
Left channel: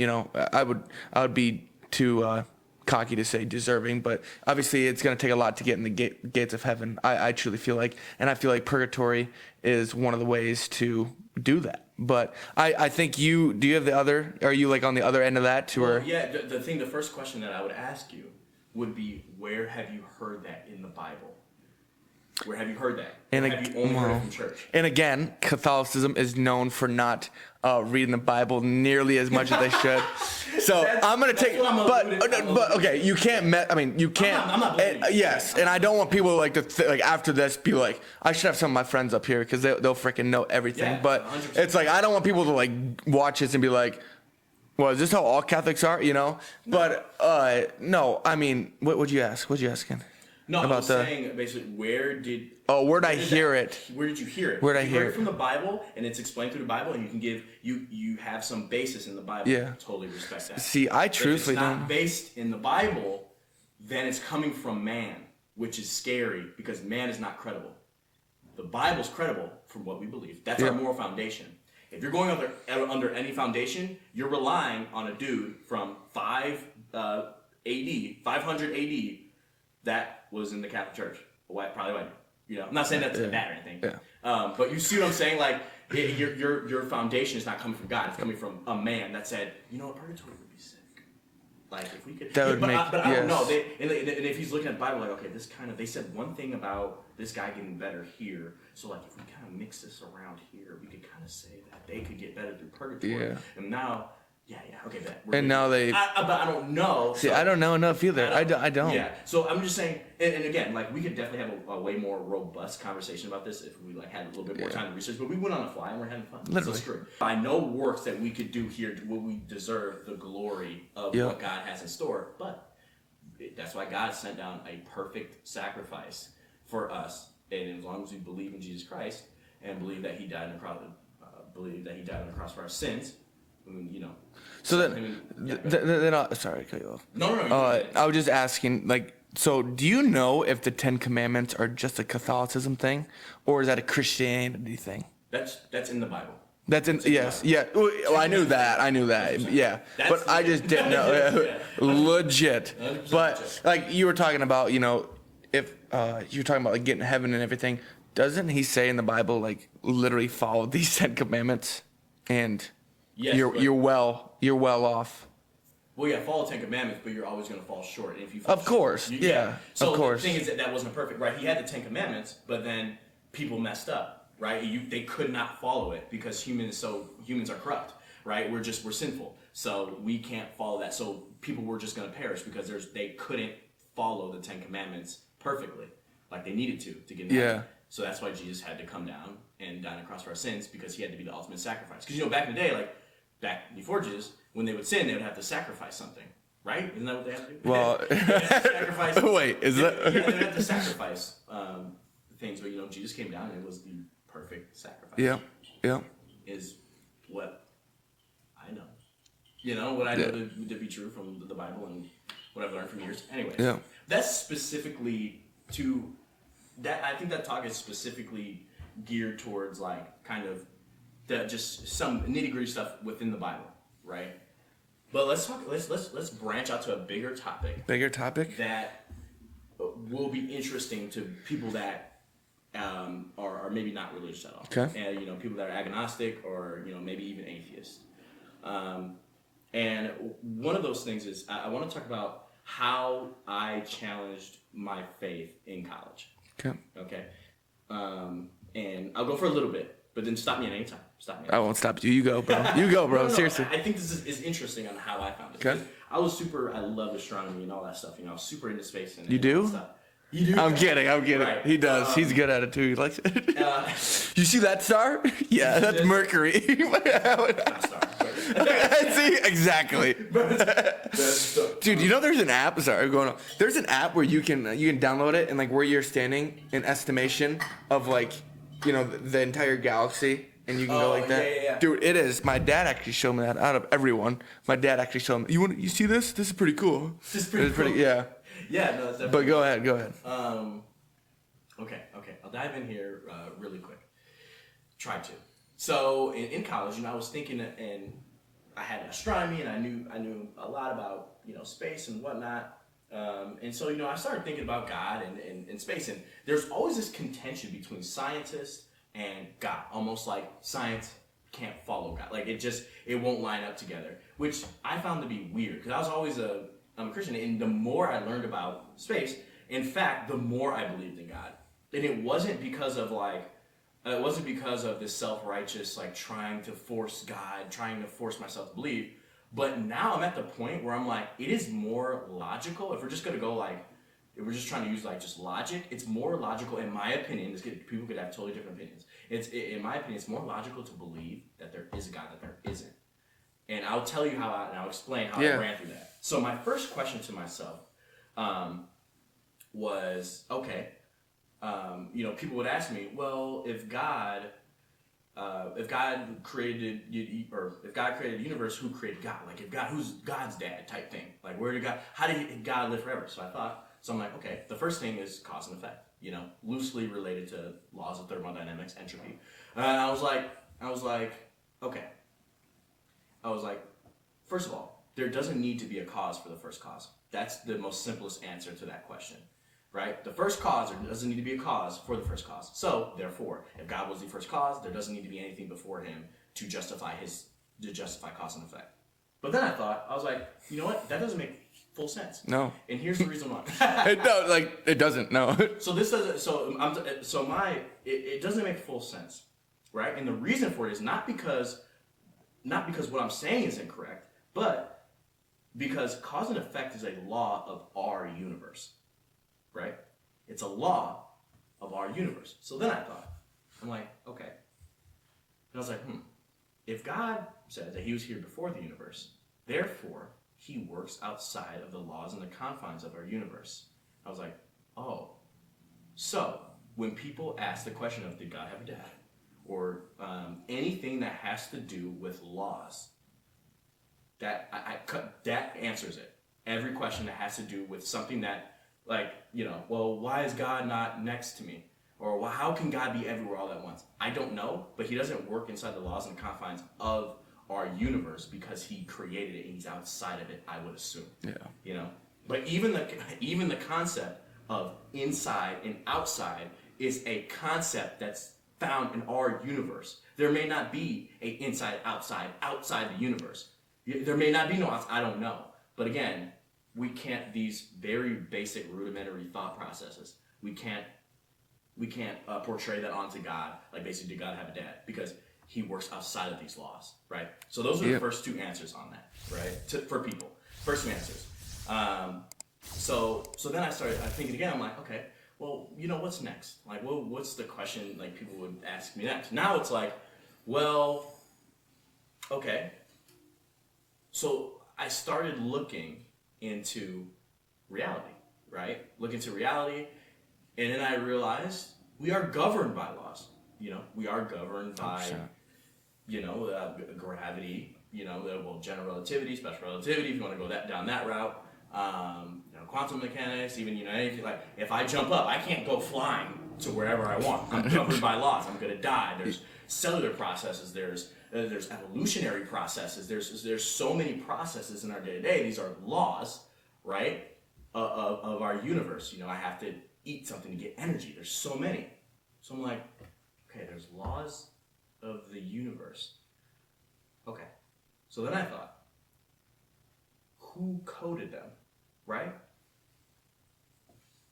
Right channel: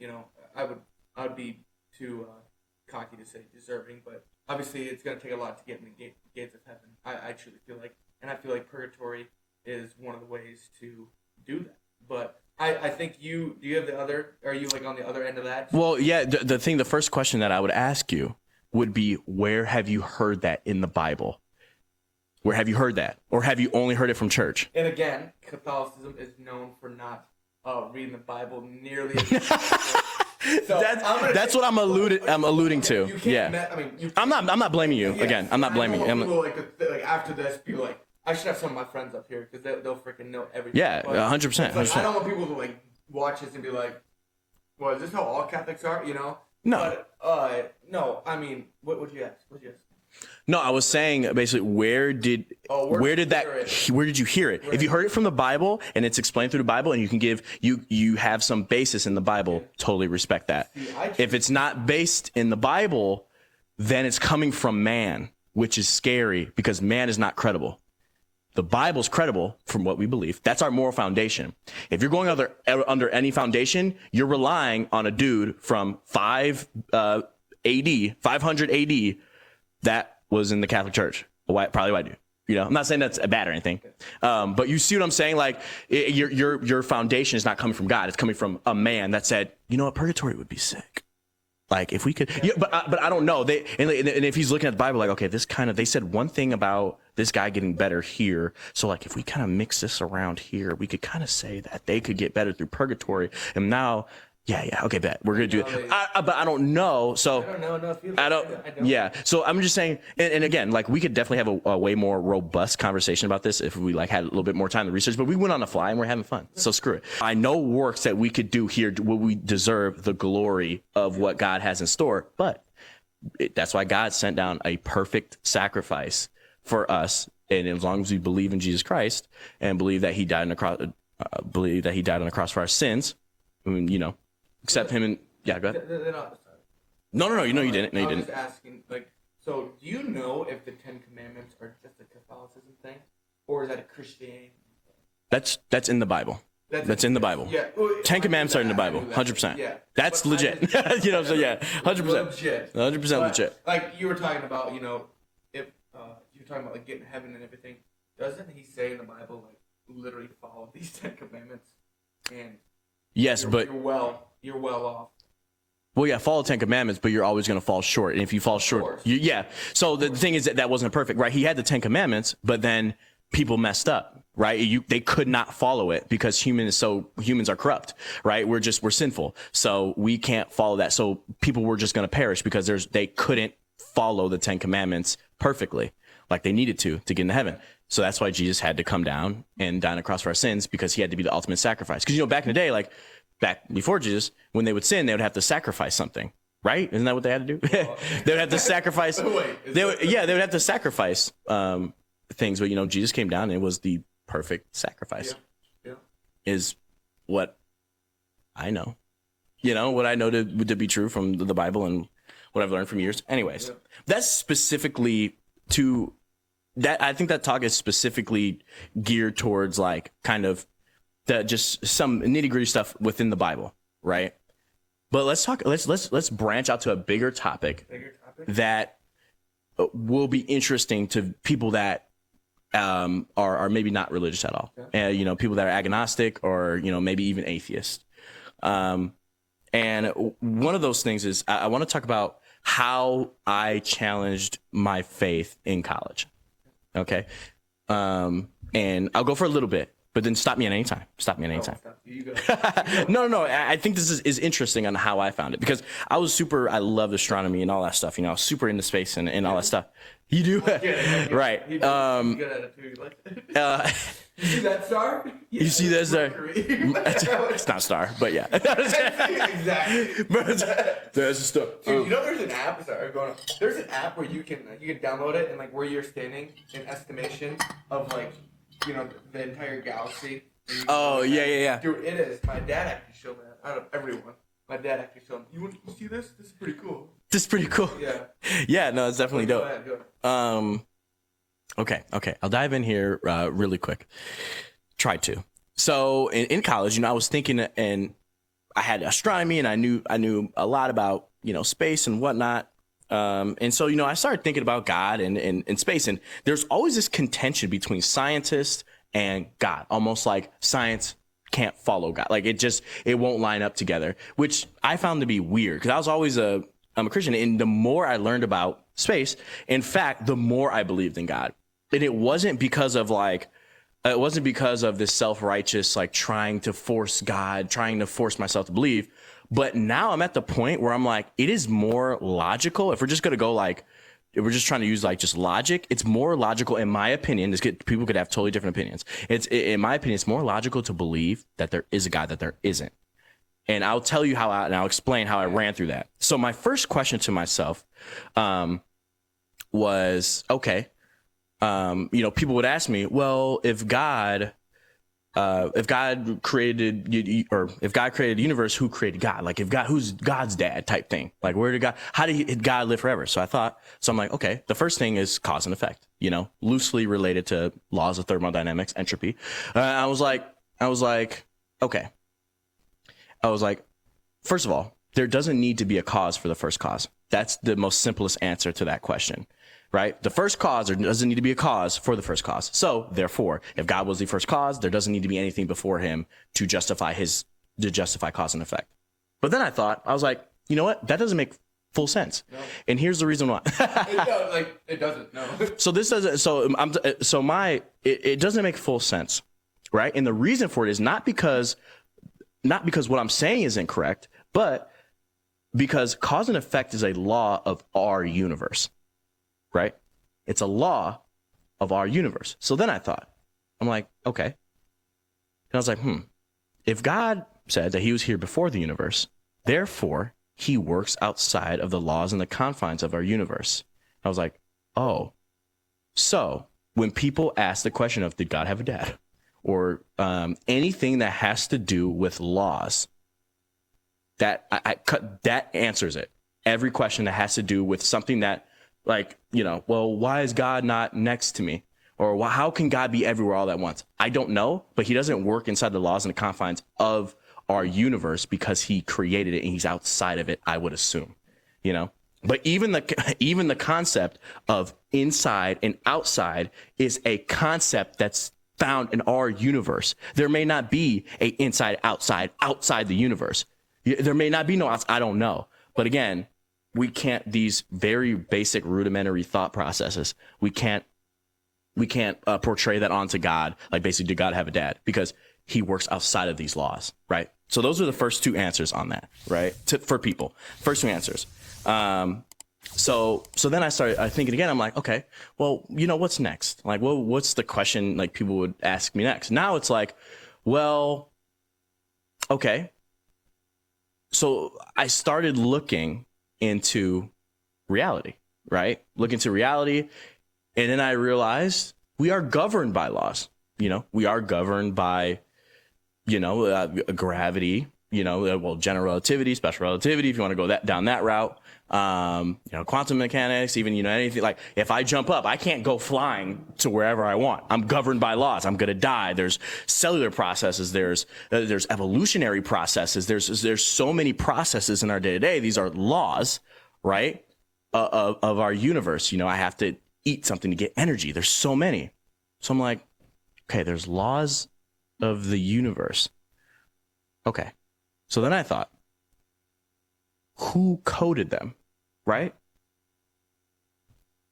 I would be too cocky to say deserving, but obviously it's going to take a lot to get in the gates of heaven. I truly feel like, and I feel like purgatory is one of the ways to do that. But I think do you have the other, are you like on the other end of that too? Well, yeah, the first question that I would ask you would be, where have you heard that in the Bible? Where have you heard that? Or have you only heard it from church? And again, Catholicism is known for not reading the Bible nearly as much as they should. So that's what I'm alluding to. You can't. Yeah. You can't. I'm not blaming you. Yes, Again, I'm not blaming I don't want you. people like after this be like, I should have some of my friends up here because they'll freaking know everything. Yeah, but 100%. It's like I don't want people to like watch this and be like, well, is this how all Catholics are? No. But no. I mean, what'd you ask? What'd you ask again? No, I was saying basically where did you hear it? If you heard it from the Bible and it's explained through the Bible and you can give you have some basis in the Bible, totally respect that. See, if it's not based in the Bible, then it's coming from man, which is scary because man is not credible. The Bible's credible from what we believe. That's our moral foundation. If you're going under any foundation, you're relying on a dude from 500 AD that was in the Catholic Church, probably white dude. I'm not saying that's bad or anything, but you see what I'm saying? Like your foundation is not coming from God; it's coming from a man that said, "You know what, purgatory would be sick." Like if we could, That would but make- I don't know. yes. And if he's looking at the Bible, like, okay, this kind of, they said one thing about this guy getting better here. So like, if we kind of mix this around here, we could kind of say that they could get better through purgatory. Yeah. And now, okay, bet we're And gonna now do it. they- But I don't know. So I don't know enough either. I don't. Yeah. So I'm just saying, and again, like we could definitely have a way more robust conversation about this if we like had a little bit more time to research. But we went on the fly and we're having fun. So screw it. I know works that we could do here will we deserve the glory of what God has in store, but that's why God sent down a perfect sacrifice for us. And as long as we believe in Jesus Christ and believe that He died on the cross, for our sins, I mean, So accept Him and go ahead. then sorry, I cut you off. No, you know you didn't. No, I you was didn't. just asking, like, so do you know if the 10 Commandments are just a Catholicism thing, or is that a Christianity thing? That's in the Bible. That's in yes, the Bible. Yeah. Well, Ten I knew Commandments are in the that, I Bible. knew that. 100%. Yeah. That's But I legit. just didn't know. Yeah, 100%. Legit. 100% But, legit. like you were talking about, if you're talking about like getting to heaven and everything, doesn't He say in the Bible like literally follow these 10 Commandments, and Yes, but you're well off. well, yeah, follow 10 Commandments, but you're always going to fall short. And if you fall Of short, course. yeah. So Of the course. thing is that wasn't perfect, right? He had the 10 Commandments, but then people messed up, right? They could not follow it because humans are corrupt, right? We're sinful, so we can't follow that. So people were just going to perish because they couldn't follow the 10 Commandments perfectly, like they needed to get into heaven. Yeah. So that's why Jesus had to come down and die on the cross for our sins, because He had to be the ultimate sacrifice. Because back in the day, like back before Jesus, when they would sin, they would have to sacrifice something, right? Isn't that what they had to do? Well, they would have to sacrifice. Wait, they would have to sacrifice things. But Jesus came down and it was the perfect sacrifice. Yeah. Is what I know. What I know to be true from the Bible and what I've learned from years. Anyways, that's specifically to that. I think that talk is specifically geared towards like kind of just some nitty gritty stuff within the Bible, right? But let's talk. Let's branch out to a bigger topic. That will be interesting to people that are maybe not religious at all. Okay. And people that are agnostic or maybe even atheist. And one of those things is I want to talk about how I challenged my faith in college. Okay. And I'll go for a little bit, but then stop me at any time. I won't stop you. You go, bro. You go, bro. No. Seriously. I think this is interesting on how I found it, because I loved astronomy and all that stuff. I was super into space and all that stuff. You do? I'm kidding. Right. He does. He's good at it too. He likes it. You see that star? Yeah, see that's that star? Mercury. It's not a star, but yeah. See, exactly. Dude, there's an app. Sorry, going on. There's an app where you can download it and like where you're standing in estimation of like the entire galaxy. And you can go like that. yeah. Dude, it is. My dad actually showed me that. Out of everyone, my dad actually showed me. You see this? This is pretty cool. This is pretty cool. Yeah. Yeah, no, it's definitely But go ahead. Okay. I'll dive in here really quick. Try to. So in college, I was thinking, and I had astronomy, and I knew a lot about space and whatnot. And so I started thinking about God and space, and there's always this contention between scientists and God, almost like science can't follow God. Like it won't line up together, which I found to be weird, because I was always I'm a Christian, and the more I learned about space, in fact, the more I believed in God. And it wasn't because of this self-righteous, like trying to force God, trying to force myself to believe. But now I'm at the point where I'm like, it is more logical. If we're just going to go if we're just trying to use like just logic, it's more logical, in my opinion. People could have totally different opinions. In my opinion, it's more logical to believe that there is a God, that there isn't. And I'll tell you and I'll explain how I ran through that. So my first question to myself was, okay, people would ask me, well, if God created the universe, who created God? Like who's God's dad type thing? Like how did God live forever? So I'm like, okay, the first thing is cause and effect, loosely related to laws of thermodynamics, entropy. I was like, okay. First of all, there doesn't need to be a cause for the first cause. That's the most simplest answer to that question. Right? The first cause, there doesn't need to be a cause for the first cause. So therefore, if God was the first cause, there doesn't need to be anything before him to justify cause and effect. But then I was like, you know what? That doesn't make full sense. No. And here's the reason why. No, like it doesn't. No. So this doesn't. It doesn't make full sense, right? And the reason for it is not because what I'm saying is incorrect, but because cause and effect is a law of our universe, right? It's a law of our universe. So then I thought, I'm like, okay. And I was like, if God said that he was here before the universe, therefore he works outside of the laws and the confines of our universe. I was like, oh, so when people ask the question of, did God have a dad? Or anything that has to do with laws, that answers it. Every question that has to do with something that, like, well, why is God not next to me? Or well, how can God be everywhere all at once? I don't know, but he doesn't work inside the laws and the confines of our universe because he created it and he's outside of it, I would assume. Yeah. But even the concept of inside and outside is a concept that's found in our universe. There may not be a inside outside the universe. There may not be no outside, I don't know. But again, we can't, these very basic rudimentary thought processes, we can't portray that onto God. Like basically, did God have a dad? Because he works outside of these laws, right? So those are the first two answers on that, right? For people, first two answers. So then I started thinking again. I'm like, okay, well, what's next? Like, well, what's the question like people would ask me next? Now it's like, well, okay. So I started looking into reality, right? Look into reality. And then I realized we are governed by laws. We are governed by, gravity, well, general relativity, special relativity, if you want to go down that route. Quantum mechanics, even, anything like if I jump up, I can't go flying to wherever I want. I'm governed by laws. I'm going to die. There's cellular processes. There's evolutionary processes. There's so many processes in our day to day. These are laws, right? Of our universe. I have to eat something to get energy. There's so many. So I'm like, okay, there's laws of the universe. Okay. So then I thought, who coded them? Right?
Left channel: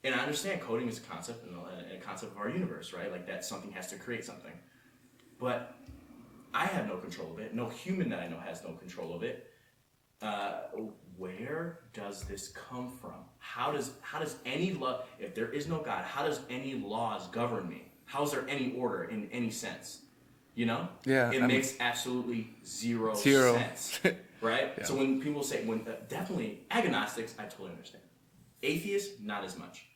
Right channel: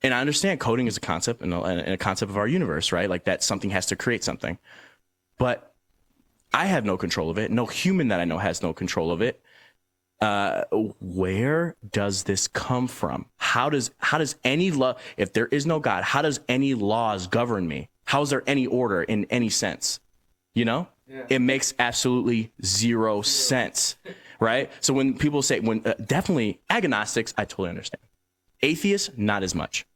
And I understand coding is a concept and a concept of our universe, right? Like that something has to create something. But I have no control of it. No human that I know has no control of it. Where does this come from? How does any law, if there is no God, how does any laws govern me? How is there any order in any sense? Yeah, it makes absolutely zero sense, right? Yeah. So when people say, definitely agnostics, I totally understand. Atheists, not as much.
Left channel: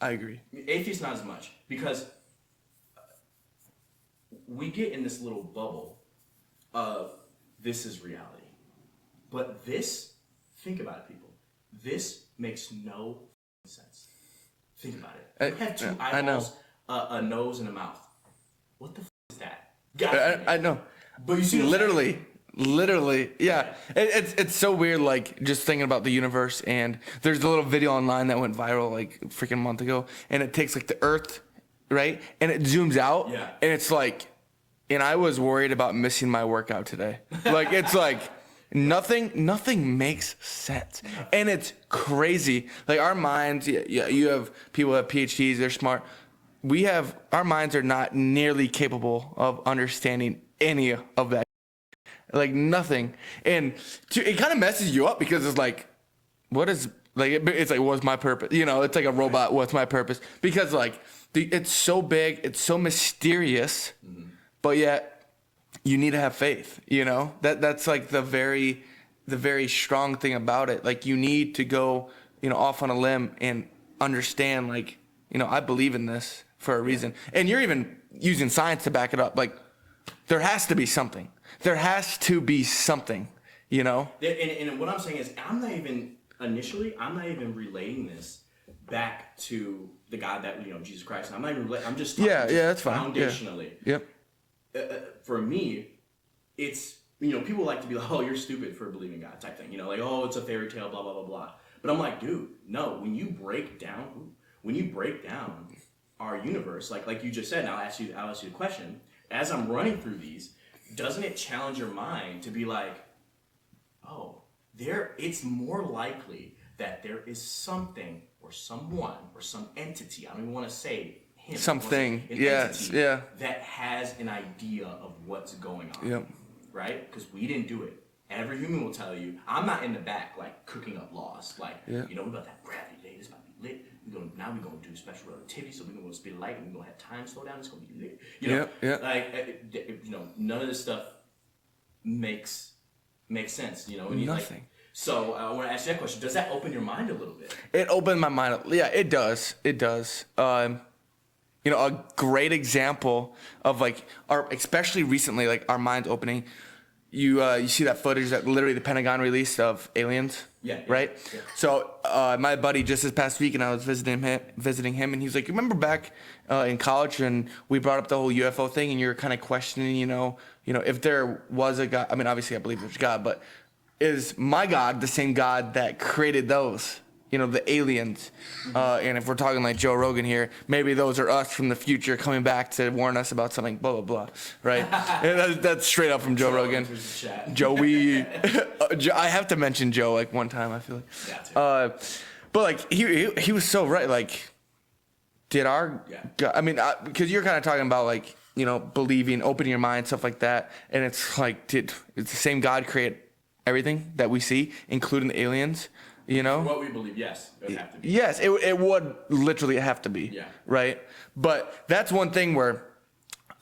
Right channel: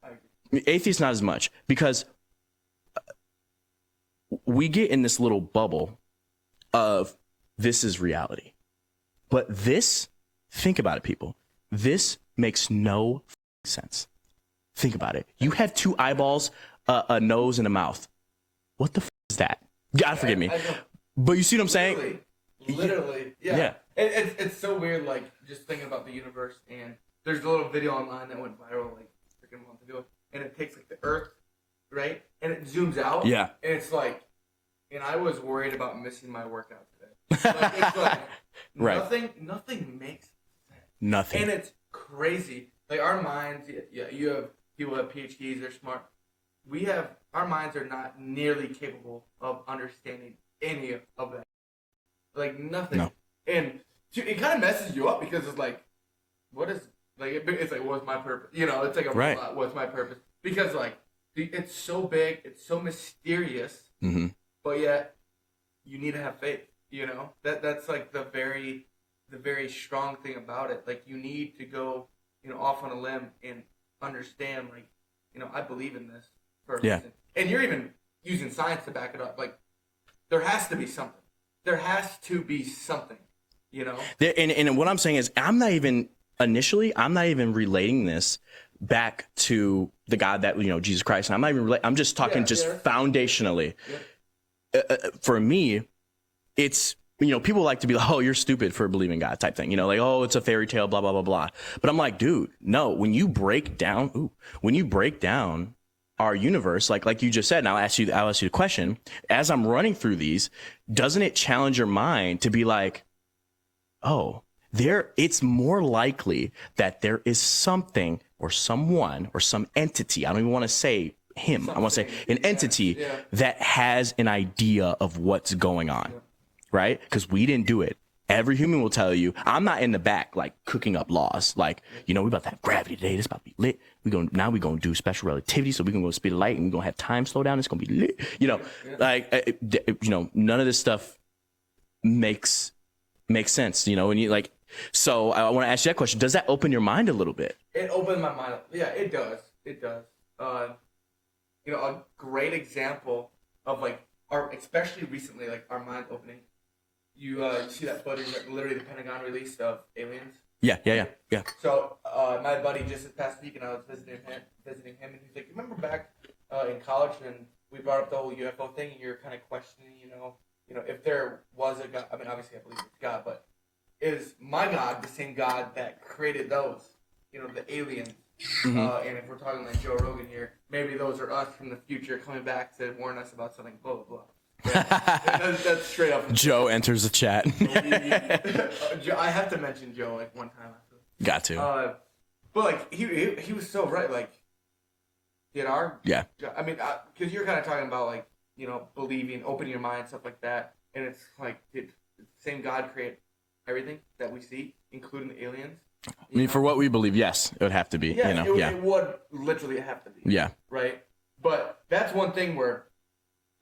I agree. Atheists, not as much, because we get in this little bubble of this is reality. But think about it, people. This makes no sense. Think about it. You have two eyeballs, a nose, and a mouth. What the is that? God forgive me. I know. But you see what I'm saying? Literally. Yeah. It's so weird, like, just thinking about the universe. And there's a little video online that went viral, like, a freaking month ago. And it takes, like, the Earth, right? And it zooms out. Yeah. And it's like, and I was worried about missing my workout today. Like, it's like... Right. Nothing makes sense. Nothing. And it's crazy. Like our minds, you have people that have PhDs, they're smart. Our minds are not nearly capable of understanding any of that. Like nothing. No. And it kind of messes you up because it's like, it's like, what's my purpose? It's like a robot. Right. What's my purpose? Because like, it's so big, it's so mysterious, but yet, you need to have faith, that's like the very strong thing about it. Like you need to go, off on a limb and understand, like, I believe in this for a reason. And you're even using science to back it up. Like there has to be something. And what I'm saying is I'm not even relating this back to the God that, Jesus Christ. I'm not even I'm just talking foundationally. Yeah. Yep. For me, it's, people like to be like, oh, you're stupid for believing God type thing, like, oh, it's a fairy tale, blah, blah, blah, blah. But I'm like, dude, no, when you break down our universe, like you just said, and I'll ask you the question, as I'm running through these, doesn't it challenge your mind to be like, oh, it's more likely that there is something or someone or some entity. I don't even want to say him. I want to say an entity that has an idea of what's going on, right? Because we didn't do it. Every human will tell you, I'm not in the back like cooking up laws. Like, we about to have gravity today. This about to be lit. We're gonna do special relativity, so we're gonna go speed of light, and we're gonna have time slow down. It's gonna be lit. None of this stuff makes sense, and you like. So I want to ask you that question. Does that open your mind a little bit? It opened my mind. Yeah, it does. It does. A great example of like especially recently, like our minds opening. You see that footage that literally the Pentagon released of aliens? Yeah. So my buddy just this past week, and I was visiting him, and he's like, "Remember back in college, and we brought up the whole UFO thing, and you were kind of questioning, if there was a God. I mean, obviously, I believe there's God, but is my God the same God that created those?" The aliens. And if we're talking like Joe Rogan here, maybe those are us from the future coming back to warn us about something, blah, blah, blah. Right? That's straight up from Joe Rogan. Enters the chat. Joey. I have to mention Joe like one time, I feel like. Got to. But like he was so right. Like, did our... Yeah. I mean, because you're kind of talking about like, believing, opening your mind, stuff like that. And it's like, did the same God create everything that we see, including the aliens, For what we believe, yes, it would have to be. Yes, it would literally have to be. Yeah. Right? But that's one thing where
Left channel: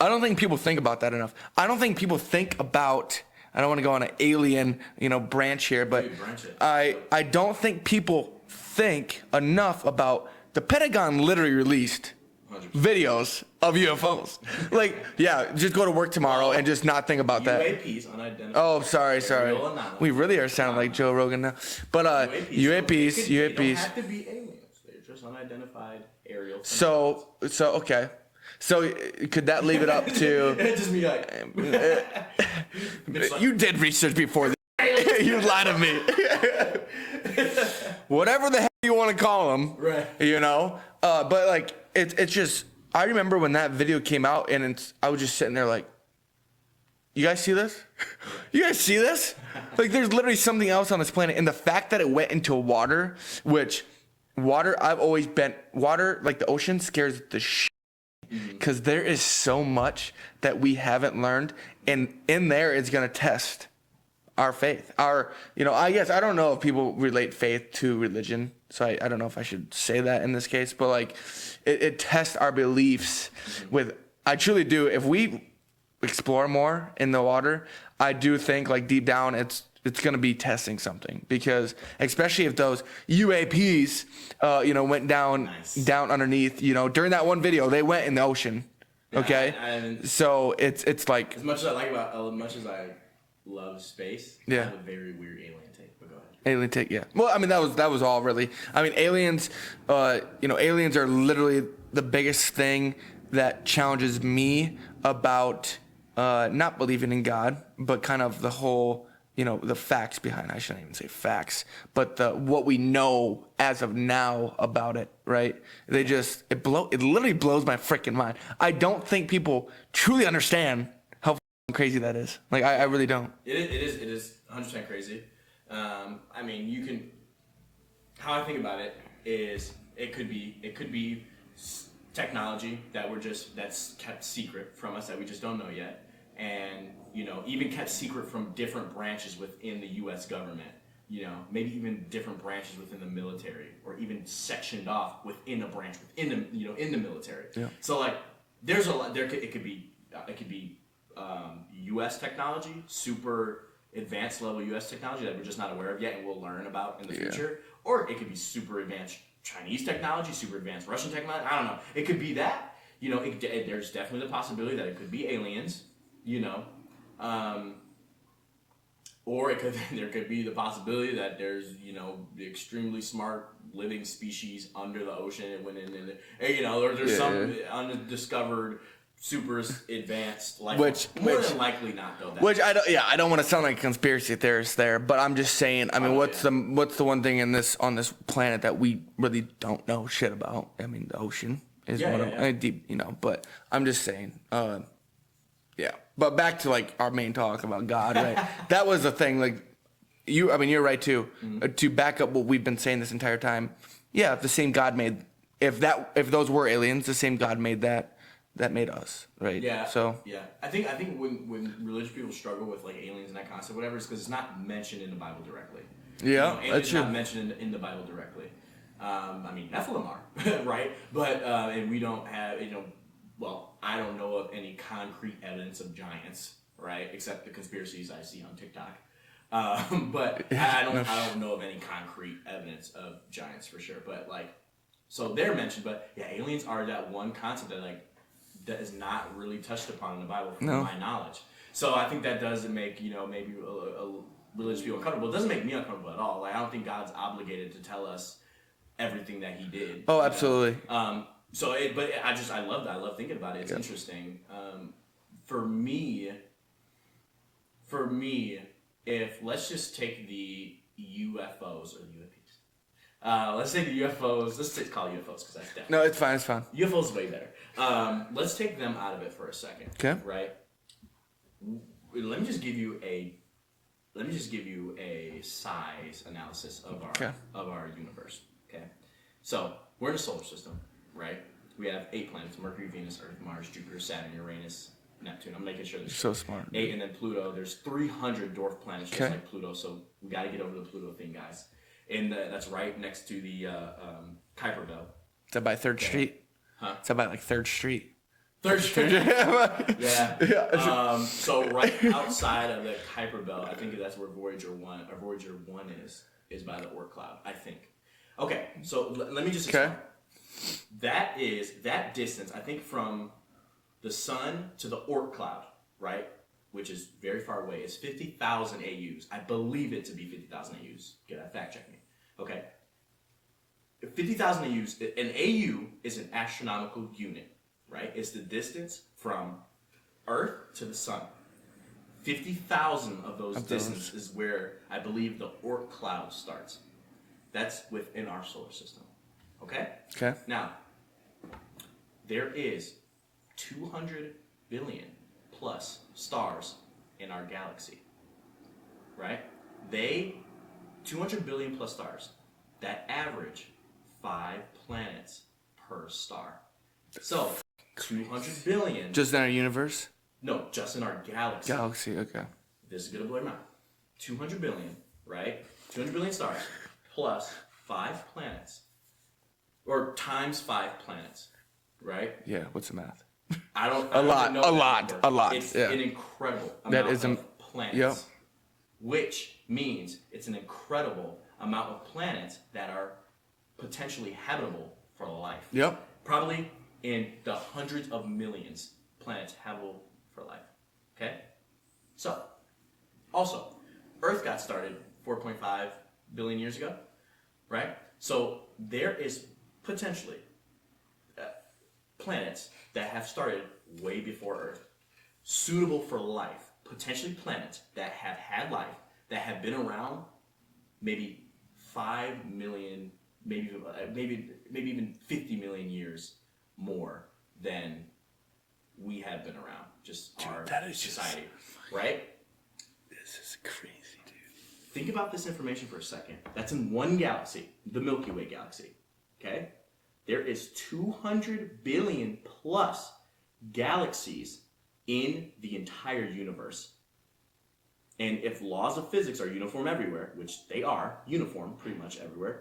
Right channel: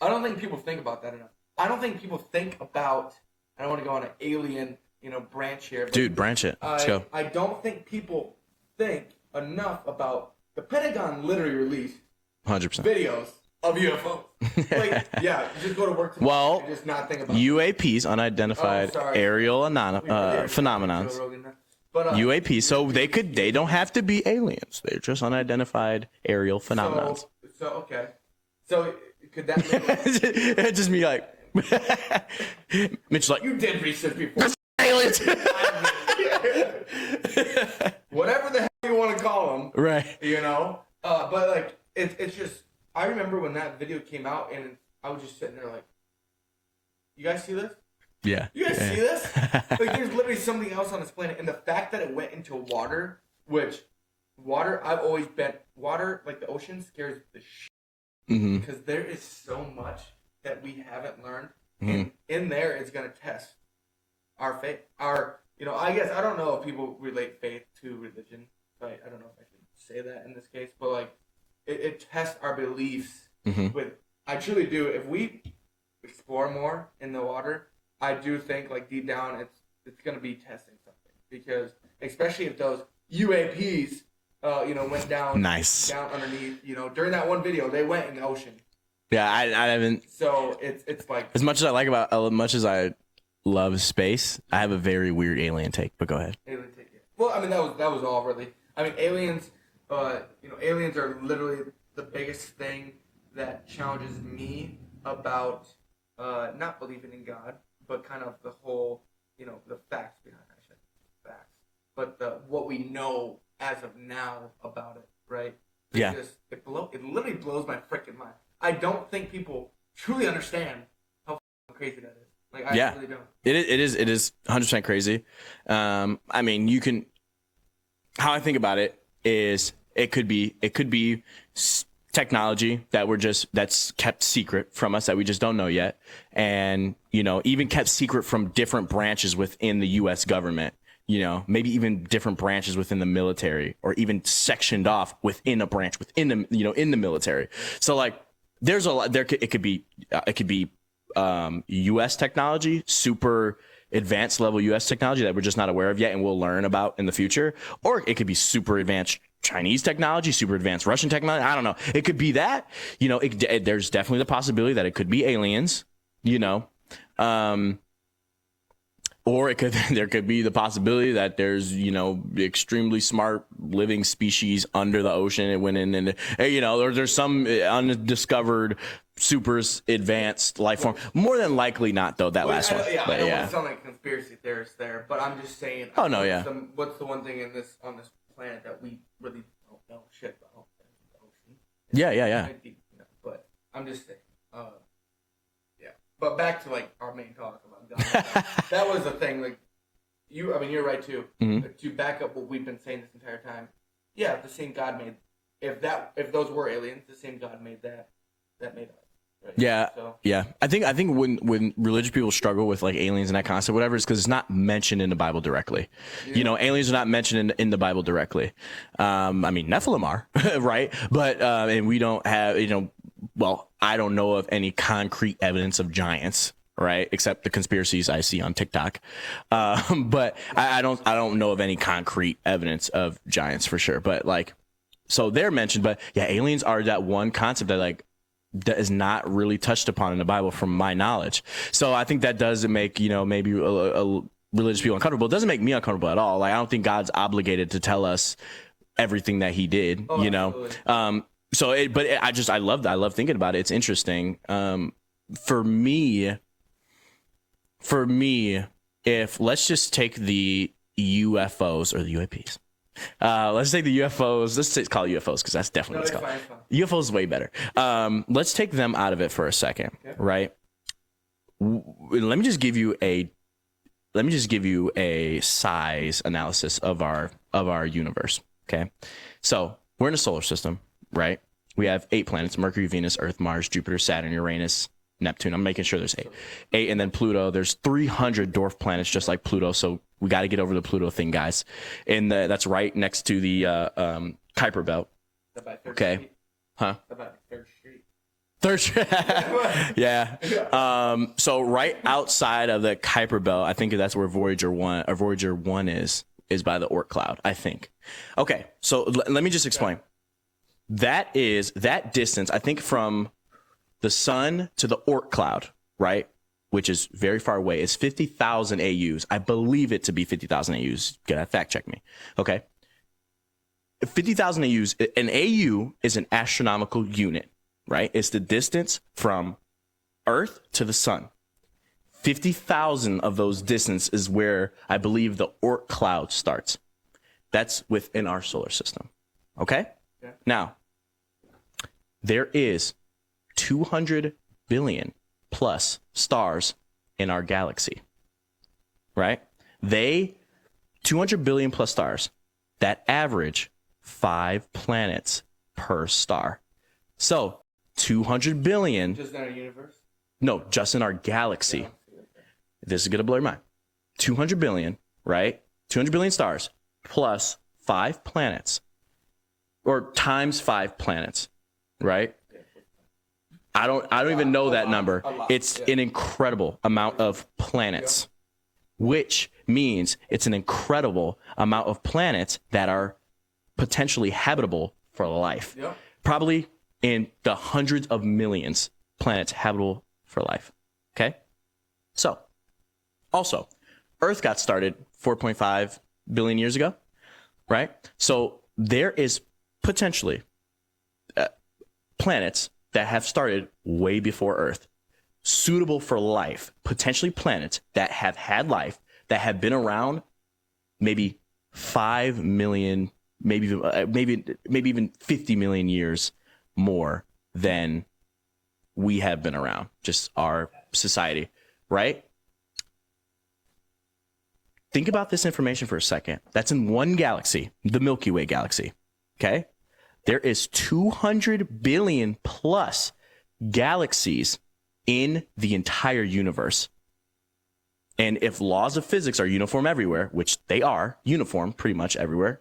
I don't think people think about that enough. I don't think people think about, I don't want to go on an alien, branch here, but... Dude, branch it. Let's go. I don't think people think enough about the Pentagon literally released 100% videos of UFOs. Just go to work tomorrow and just not think about UAPs, that. unidentified aerial phenomena. We really are sounding like Joe Rogan now. But UAPs, so they don't have to be aliens. They're just unidentified aerial phenomena. So okay. So could that leave it up to just me like Mitch, like, you did research before aliens? You lied to me. Whatever the hell you want to call them, right? But like it's just, I remember when that video came out, and I was just sitting there like, you guys see this? Yeah. You guys see this? Like, there's literally something else on this planet, and the fact that it went into water, which I've always been water, like the ocean, scares the shit. Because there is so much that we haven't learned, and in there it's gonna test our faith. I guess I don't know if people relate faith to religion, so I don't know if I should say that in this case, but like it tests our beliefs with. I truly do. If we explore more in the water, I do think like deep down it's gonna be testing something, because especially if those UAPs went down down underneath, during that one video they went in the ocean. Yeah, okay? I haven't. So it's like, as much as I love space, I have a very weird alien take, but go ahead. Alien take, yeah. Well, I mean, that was all really. I mean, aliens, aliens are literally the biggest thing that challenges me about not believing in God, but kind of the whole, the facts behind, I shouldn't even say facts, but what we know as of now about it, right? It literally blows my freaking mind. I don't think people truly understand how crazy that is. Like, I really don't. It is 100% crazy. I mean, how I think about it is it could be technology that's kept secret from us that we just don't know yet. And, even kept secret from different branches within the U.S. government, maybe even different branches within the military, or even sectioned off within a branch within the, in the military. So like, there's a lot, it could be U.S. technology, super advanced level U.S. technology that we're just not aware of yet and we'll learn about in the future. Or it could be super advanced Chinese technology, super advanced Russian technology. I don't know. It could be that, there's definitely the possibility that it could be aliens. Or there could be the possibility that there's, extremely smart living species under the ocean. It went in and, there's some undiscovered, super advanced life form. More than likely not, though. I don't want to sound like a conspiracy theorist there, but I'm just saying, what's the one thing on this planet that we really don't know shit about? I mean, the ocean. Deep, but I'm just saying, yeah. But back to like our main talk about God, right? That was the thing. Like, you're right too. To back up what we've been saying this entire time, yeah, the same God made. If those were aliens, the same God made that made us, right? Yeah. So yeah, I think when religious people struggle with like aliens and that concept, whatever, is because it's not mentioned in the Bible directly. Yeah, aliens are not mentioned in the Bible directly. I mean, Nephilim are, right? But and we don't have, well, I don't know of any concrete evidence of giants, right? Except the conspiracies I see on TikTok. But I don't know of any concrete evidence of giants for sure. But like, so they're mentioned, but yeah, aliens are that one concept that is not really touched upon in the Bible from my knowledge. So I think that does make, maybe a religious people uncomfortable. It doesn't make me uncomfortable at all. Like, I don't think God's obligated to tell us everything that he did, absolutely. I love thinking about it. It's interesting. For me, if let's just take the UFOs or the UAPs. Let's take the UFOs. Let's call it UFOs because that's definitely it's fine. UFOs is way better. Let's take them out of it for a second. Okay. Right. Let me just give you a size analysis of our universe. Okay. So we're in a solar system, right? We have 8 planets: Mercury, Venus, Earth, Mars, Jupiter, Saturn, Uranus, Neptune. I'm making sure there's 8. So smart. 8, and then Pluto. There's 300 dwarf planets just like Pluto. So we got to get over the Pluto thing, guys. And that's right next to the Kuiper belt. Is that by 3rd Street? Huh? Is that by like 3rd Street? 3rd Street. Yeah. So right outside of the Kuiper belt, I think that's where Voyager 1 is by the Oort cloud, I think. Okay. So let me just explain. That distance, I think, from the sun to the Oort cloud, right, which is very far away, is 50,000 AUs. I believe it to be 50,000 AUs. Gotta fact check me. Okay. 50,000 AUs. An AU is an astronomical unit, right? It's the distance from Earth to the sun. 50,000 of those distance is where I believe the Oort cloud starts. That's within our solar system. Okay? Okay. Now, there is 200 billion plus stars in our galaxy, right? 200 billion plus stars that average 5 planets per star. So 200 billion. Just in our universe? No, just in our galaxy. Okay. This is going to blow your mind. 200 billion, right? 200 billion stars plus 5 planets, or times 5 planets, right? Yeah, what's the math? I don't even know that number. A lot. It's an incredible amount of planets, which means it's an incredible amount of planets that are potentially habitable for life. Yep. Probably in the hundreds of millions planets habitable for life. Okay? So, also, Earth got started 4.5 billion years ago, right? So there is potentially planets that have started way before Earth, suitable for life, potentially planets that have had life, that have been around maybe 5 million, maybe even 50 million years more than we have been around, just our society, right? This is crazy, dude. Think about this information for a second. That's in one galaxy, the Milky Way galaxy, okay? There is 200 billion plus galaxies in the entire universe. And if laws of physics are uniform everywhere, which they are uniform pretty much everywhere,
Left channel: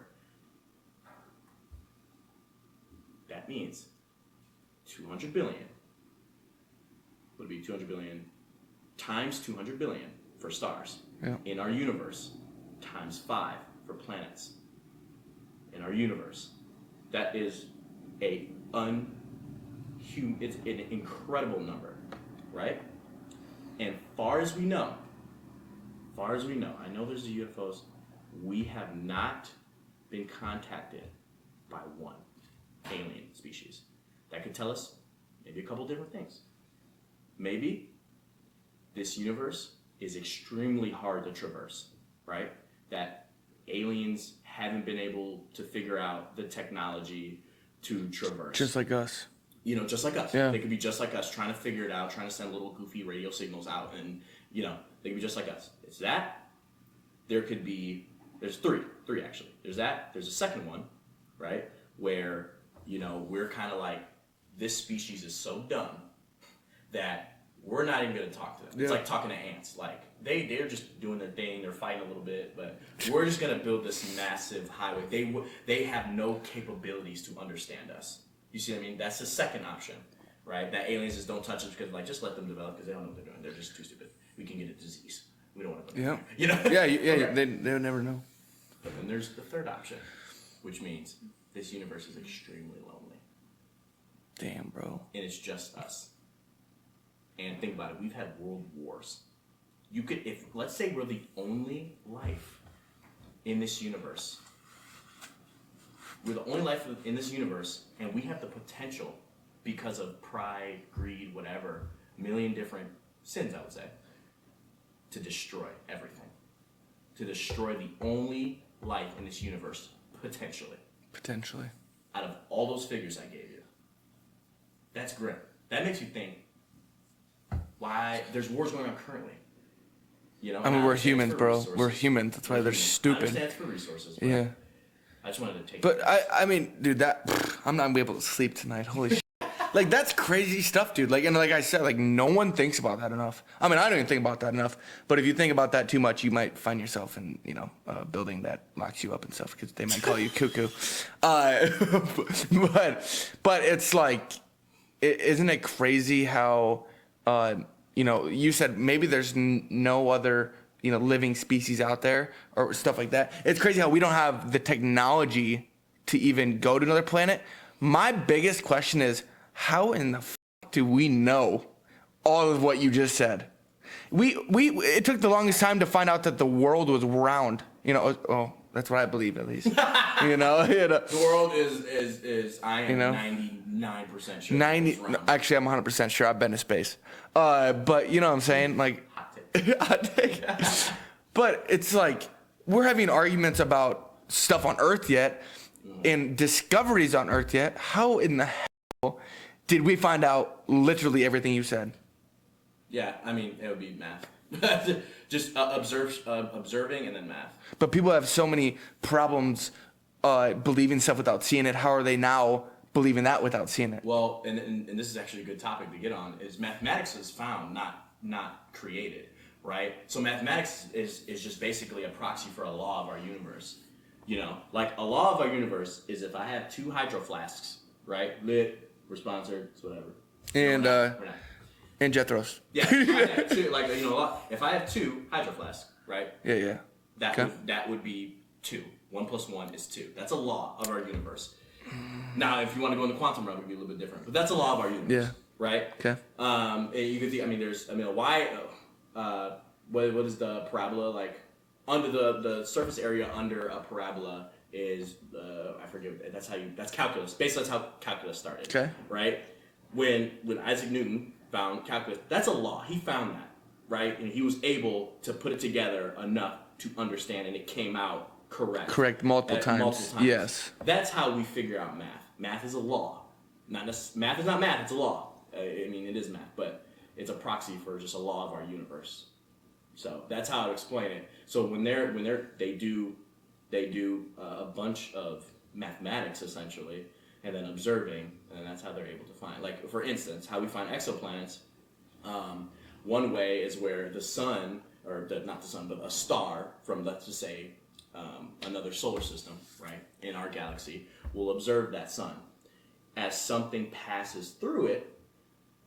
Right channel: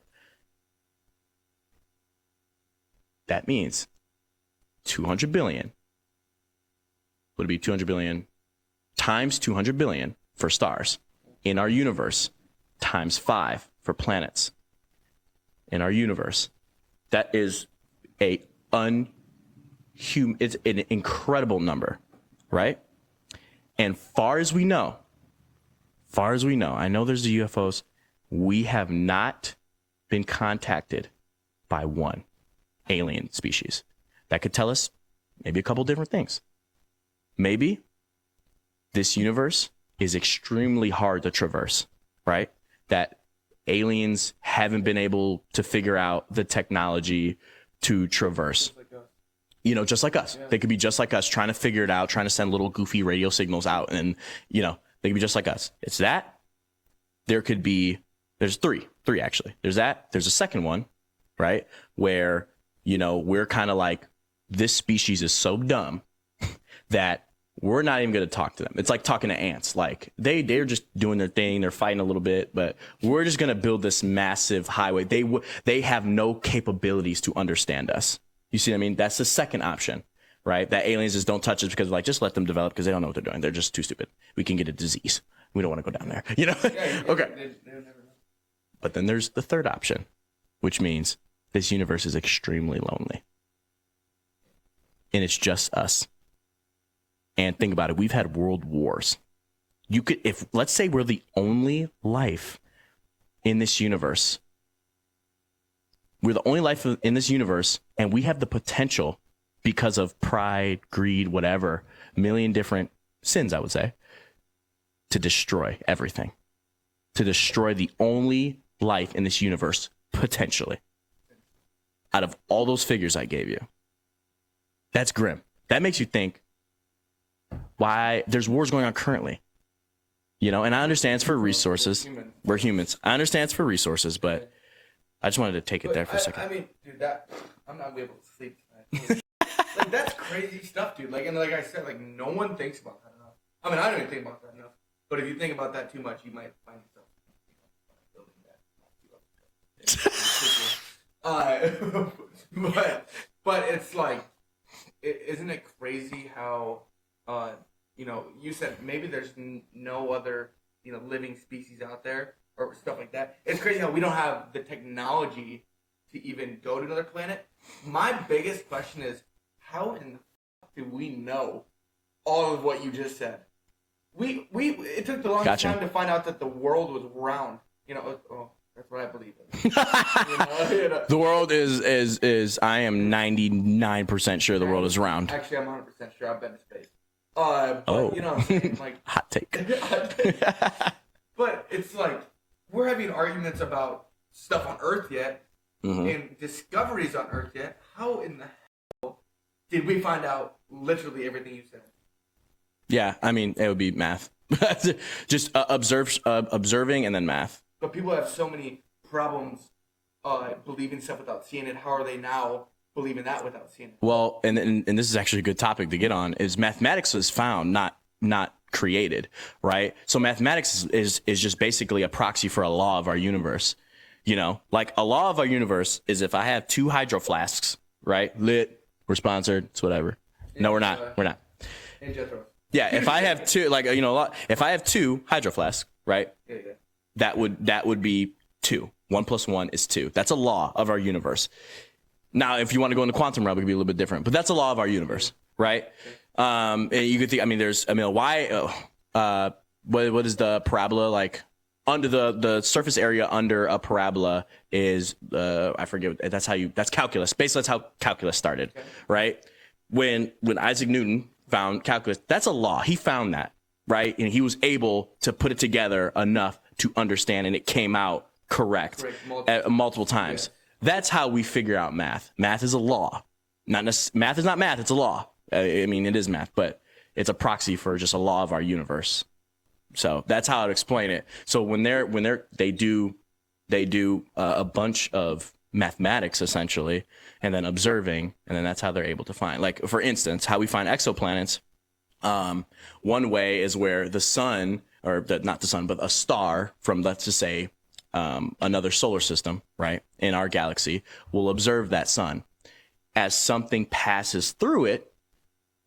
that means 200 billion would be 200 billion times 200 billion for stars in our universe, times 5 for planets in our universe. That is it's an incredible number, right? And far as we know, I know there's the UFOs. We have not been contacted by one alien species. That could tell us maybe a couple different things. Maybe this universe is extremely hard to traverse, right? That aliens haven't been able to figure out the technology to traverse. Just like us. Just like us. Yeah. They could be just like us, trying to figure it out, trying to send little goofy radio signals out, and, they could be just like us. It's that, there's three actually. There's a second one, right? Where, we're kind of like, this species is so dumb that we're not even going to talk to them. It's like talking to ants. Like they're just doing their thing. They're fighting a little bit, but we're just going to build this massive highway. They have no capabilities to understand us. You see what I mean? That's the second option, right? That aliens just don't touch us because just let them develop because they don't know what they're doing. They're just too stupid. We can get a disease. We don't want to go down there. Yeah, Okay. They'll never know. But then there's the third option, which means this universe is extremely lonely. Damn, bro. And it's just us. And think about it. We've had world wars. Let's say we're the only life in this universe. We're the only life in this universe, and we have the potential, because of pride, greed, whatever, a million different sins, I would say, to destroy everything. To destroy the only life in this universe, potentially. Potentially. Out of all those figures I gave you. That's grim. That makes you think why there's wars going on currently. And I understand it's for resources. We're humans. We're humans. I understand it's for resources, but I just wanted to take it there for a second. I mean, dude, I'm not gonna be able to sleep tonight. Holy shit. Like, that's crazy stuff, dude. Like, and like I said, like, no one thinks about that enough. I mean, I don't even think about that enough. But if you think about that too much, you might find yourself in, a building that locks you up and stuff because they might call you cuckoo. But it's like, isn't it crazy how, you said maybe there's no other, living species out there or stuff like that. It's crazy how we don't have the technology to even go to another planet. My biggest question is, how in the do we know all of what you just said? It took the longest time to find out that the world was round. That's what I believe, at least. The world is I am 99% sure the world is round. Actually, I'm 100% sure I've been to space. But you know what I'm saying? Like, hot take. But it's like, we're having arguments about stuff on Earth yet, and discoveries on Earth yet. How in the hell did we find out literally everything you said? Yeah, I mean, it would be math. Just observing and then math. But people have so many problems believing stuff without seeing it. How are they now believing that without seeing it? Well, and this is actually a good topic to get on, is mathematics was found, not created, right? So mathematics is just basically a proxy for a law of our universe. Like a law of our universe is if I have 2 hydro flasks, right? Lit, we're sponsored, it's whatever. No, we're not. We're not. And Jethro's. Yeah, if I have 2, if I have 2 hydro flasks, right? Yeah. That would be 2. 1 + 1 is 2. That's a law of our universe. Now, if you want to go in the quantum realm, it could be a little bit different, but that's a law of our universe, right? Okay. And you could think, what is the parabola like? Under the surface area under a parabola is I forget. That's calculus. Basically, that's how calculus started. Okay. Right. When Isaac Newton found calculus, that's a law. He found that, right, and he was able to put it together enough to understand, and it came out correct multiple times. Yes. That's how we figure out math. Math is a law. Math is not math. It's a law. It is math, but it's a proxy for just a law of our universe. So that's how I'd explain it. So when they do a bunch of mathematics essentially, and then observing, and then that's how they're able to find. Like, for instance, how we find exoplanets. One way is where the sun, not the sun, but a star from, let's just say, another solar system, right, in our galaxy, will observe that sun. As something passes through it,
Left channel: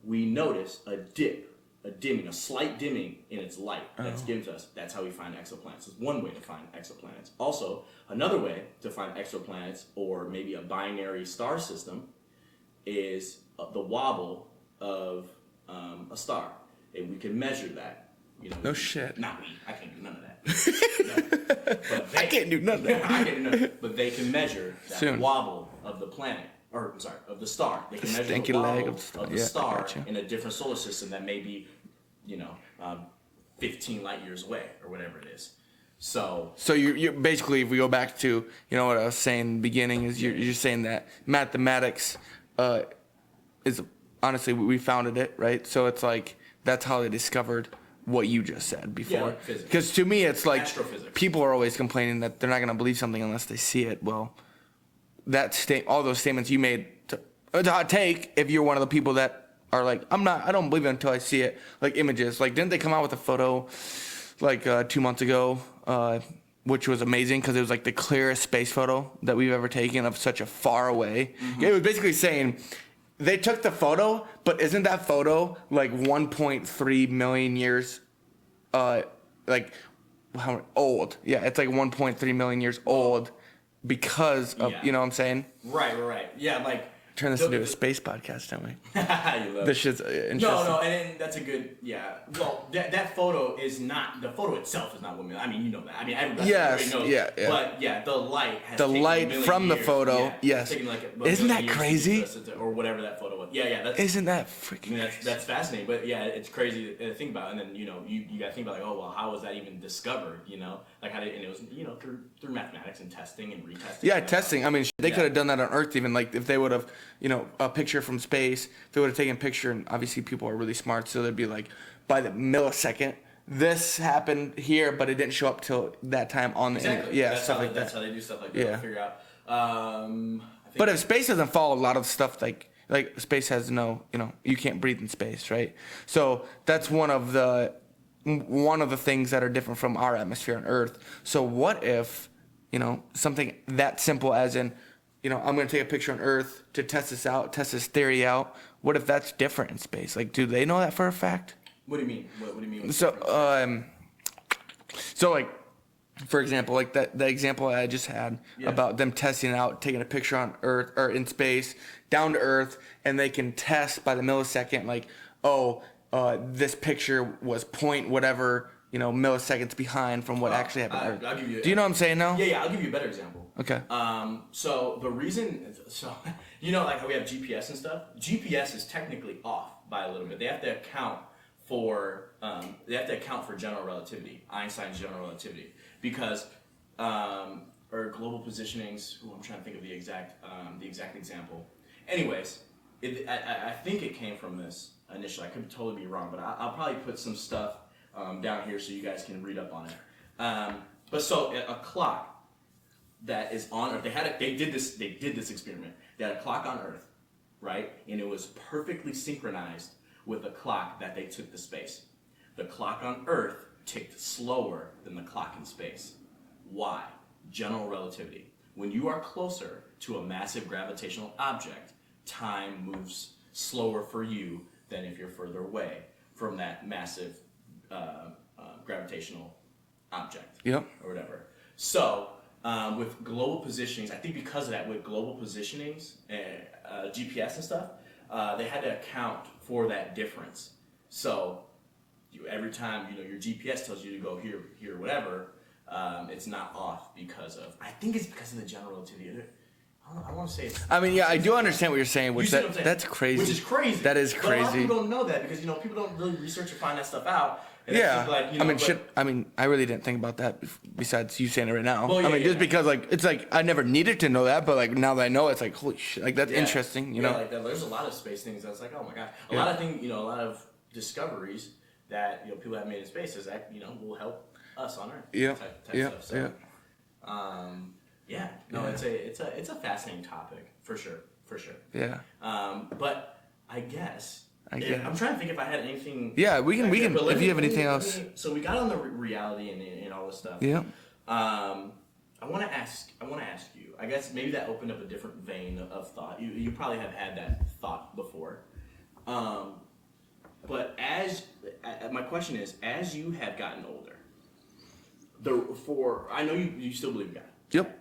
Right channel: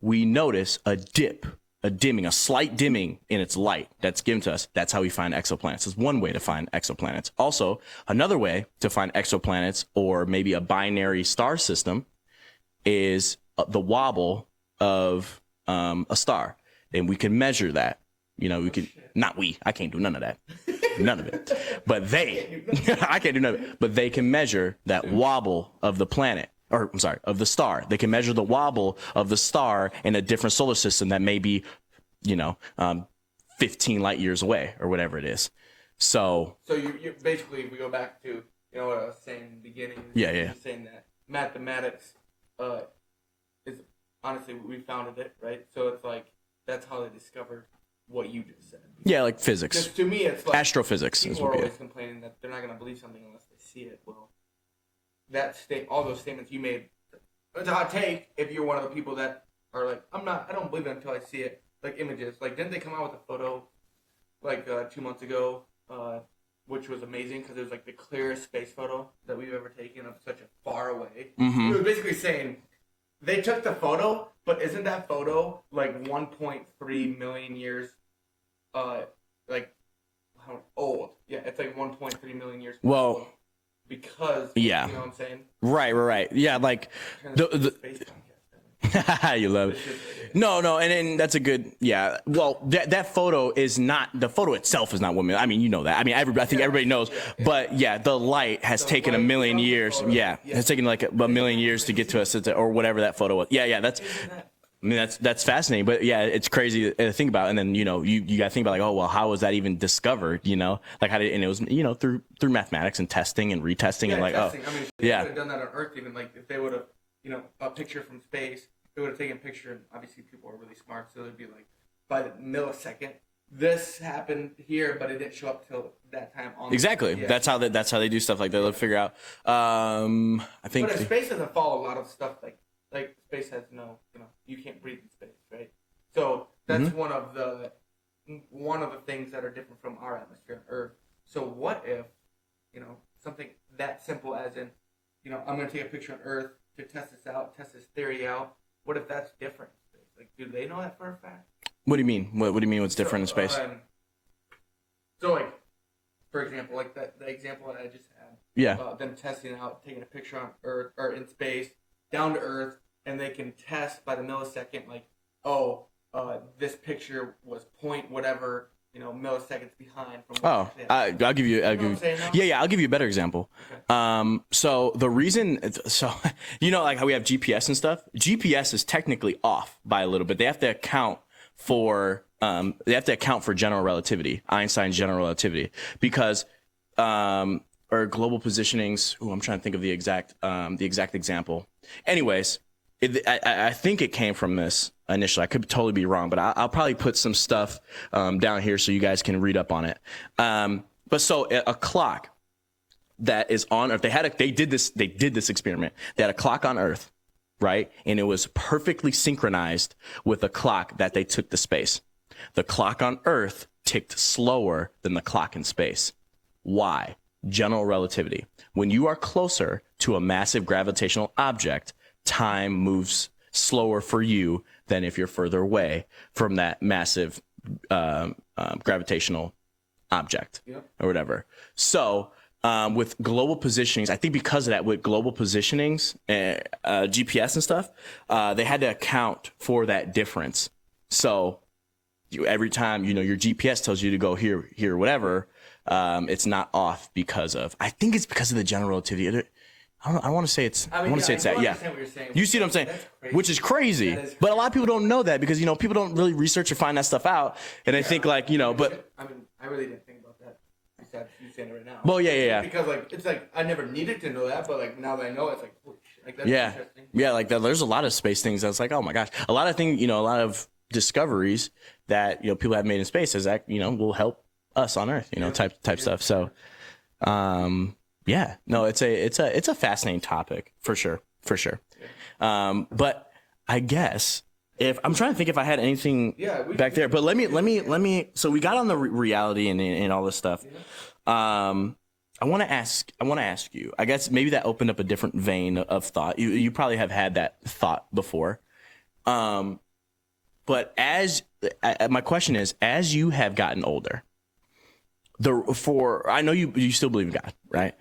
we notice a dip, a slight dimming in its light that's given to us. That's how we find exoplanets. It's one way to find exoplanets. Also, another way to find exoplanets, or maybe a binary star system, is the wobble of a star. And we can measure that. Shit. Not we. I can't do none of that. None of it. But they. I can't do none of that. I can't do none of it. But they can measure that wobble of the planet. Or, I'm sorry, of the star. They can measure the wobble of the star in a different solar system that may be, 15 light years away or whatever it is. So you basically, if we go back to, what I was saying in the beginning, is you're saying that mathematics is, honestly, we founded it, right? So it's like, that's how they discovered what you just said before. Yeah, like physics. Because to me, it's like astrophysics. People are always complaining that they're not going to believe something unless they see it. Well, all those statements you made, it's a hot take if you're one of the people that are like, I don't believe it until I see it. Like images. Like, didn't they come out with a photo like 2 months ago, which was amazing because it was like the clearest space photo that we've ever taken of such a far away. Mm-hmm. It was basically saying they took the photo, but isn't that photo like 1.3 million years, like how old? Yeah, it's like 1.3 million years old. Because of, you know what I'm saying? Right. Yeah, like turn this into a space podcast, don't we? You love this shit's no, and that's a good Well, that photo is not the photo itself is not 1 million. I mean, you know that. I mean, I think everybody knows. Yeah. But the light has taken a million years. The photo, it's taken like a million years to get to us, or whatever that photo was. Yeah. That's isn't that freaking? I mean, that's fascinating. But yeah, it's crazy to think about. And then you got to think about like, oh well, how was that even discovered? You know, like how did and it was through mathematics and testing and retesting. Yeah, and like, testing. I mean, they could have done that on Earth even. Like if they would have, a picture from space, if they would have taken a picture, and obviously people are really smart, so they'd be like, by the millisecond, this happened here, but it didn't show up till that time on. Exactly. Yeah, that's how they do stuff like that. They'll figure out. I think. But if space doesn't follow a lot of stuff, like space has no, you can't breathe in space, right? So that's one of the things that are different from our atmosphere on Earth. So what if something that simple as in, I'm going to take a picture on Earth to test this theory out. What if that's different in space? Like, do they know that for a fact? What do you mean? What do you mean what's different in space? So, like, for example, like the example I just had about them testing out, taking a picture on Earth or in space, down to Earth, and they can test by the millisecond, like, this picture was point whatever, milliseconds behind from what actually happened. I'll give you. Do you know what I'm saying now? Yeah. I'll give you a better example. Okay. So the reason, like how we have GPS and stuff. GPS is technically off by a little bit. They have to account for general relativity, Einstein's general relativity, because or global positionings. I'm trying to think of the exact example. Anyways, I think it came from this initially. I could totally be wrong, but I'll probably put some stuff down here so you guys can read up on it. But so a clock that is on Earth, they did this experiment. They had a clock on Earth, right? And it was perfectly synchronized with a clock that they took to space. The clock on Earth ticked slower than the clock in space. Why? General relativity. When you are closer to a massive gravitational object, time moves slower for you than if you're further away from that massive gravitational object or whatever. So with global positionings, I think because of that, with global positionings, GPS and stuff, they had to account for that difference. So every time, your GPS tells you to go here, whatever, it's not off because of, I think it's because of the general relativity. I don't want to say it's. I do understand what you're saying. You see what I'm saying? That's crazy. Which is crazy. That is crazy. But a lot of people don't know that because people don't really research or find that stuff out, and they think like I really didn't think about that. Besides you saying it right now. Well, just because it's like I never needed to know that, but like now that I know, it's like holy shit, like that's interesting. You know? Like that. There's a lot of space things that's like, oh my gosh, a lot of things, a lot of discoveries that people have made in space that will help us on Earth, type stuff. So. It's a fascinating topic for sure. Yeah. But I guess if I'm trying to think if I had anything. Yeah, we can. But let me. So we got on the reality and all this stuff. Yeah. I want to ask you. I guess maybe that opened up a different vein of thought. You probably have had that thought before. But my question is, as you have gotten older, I know you still believe in God, right? Yep.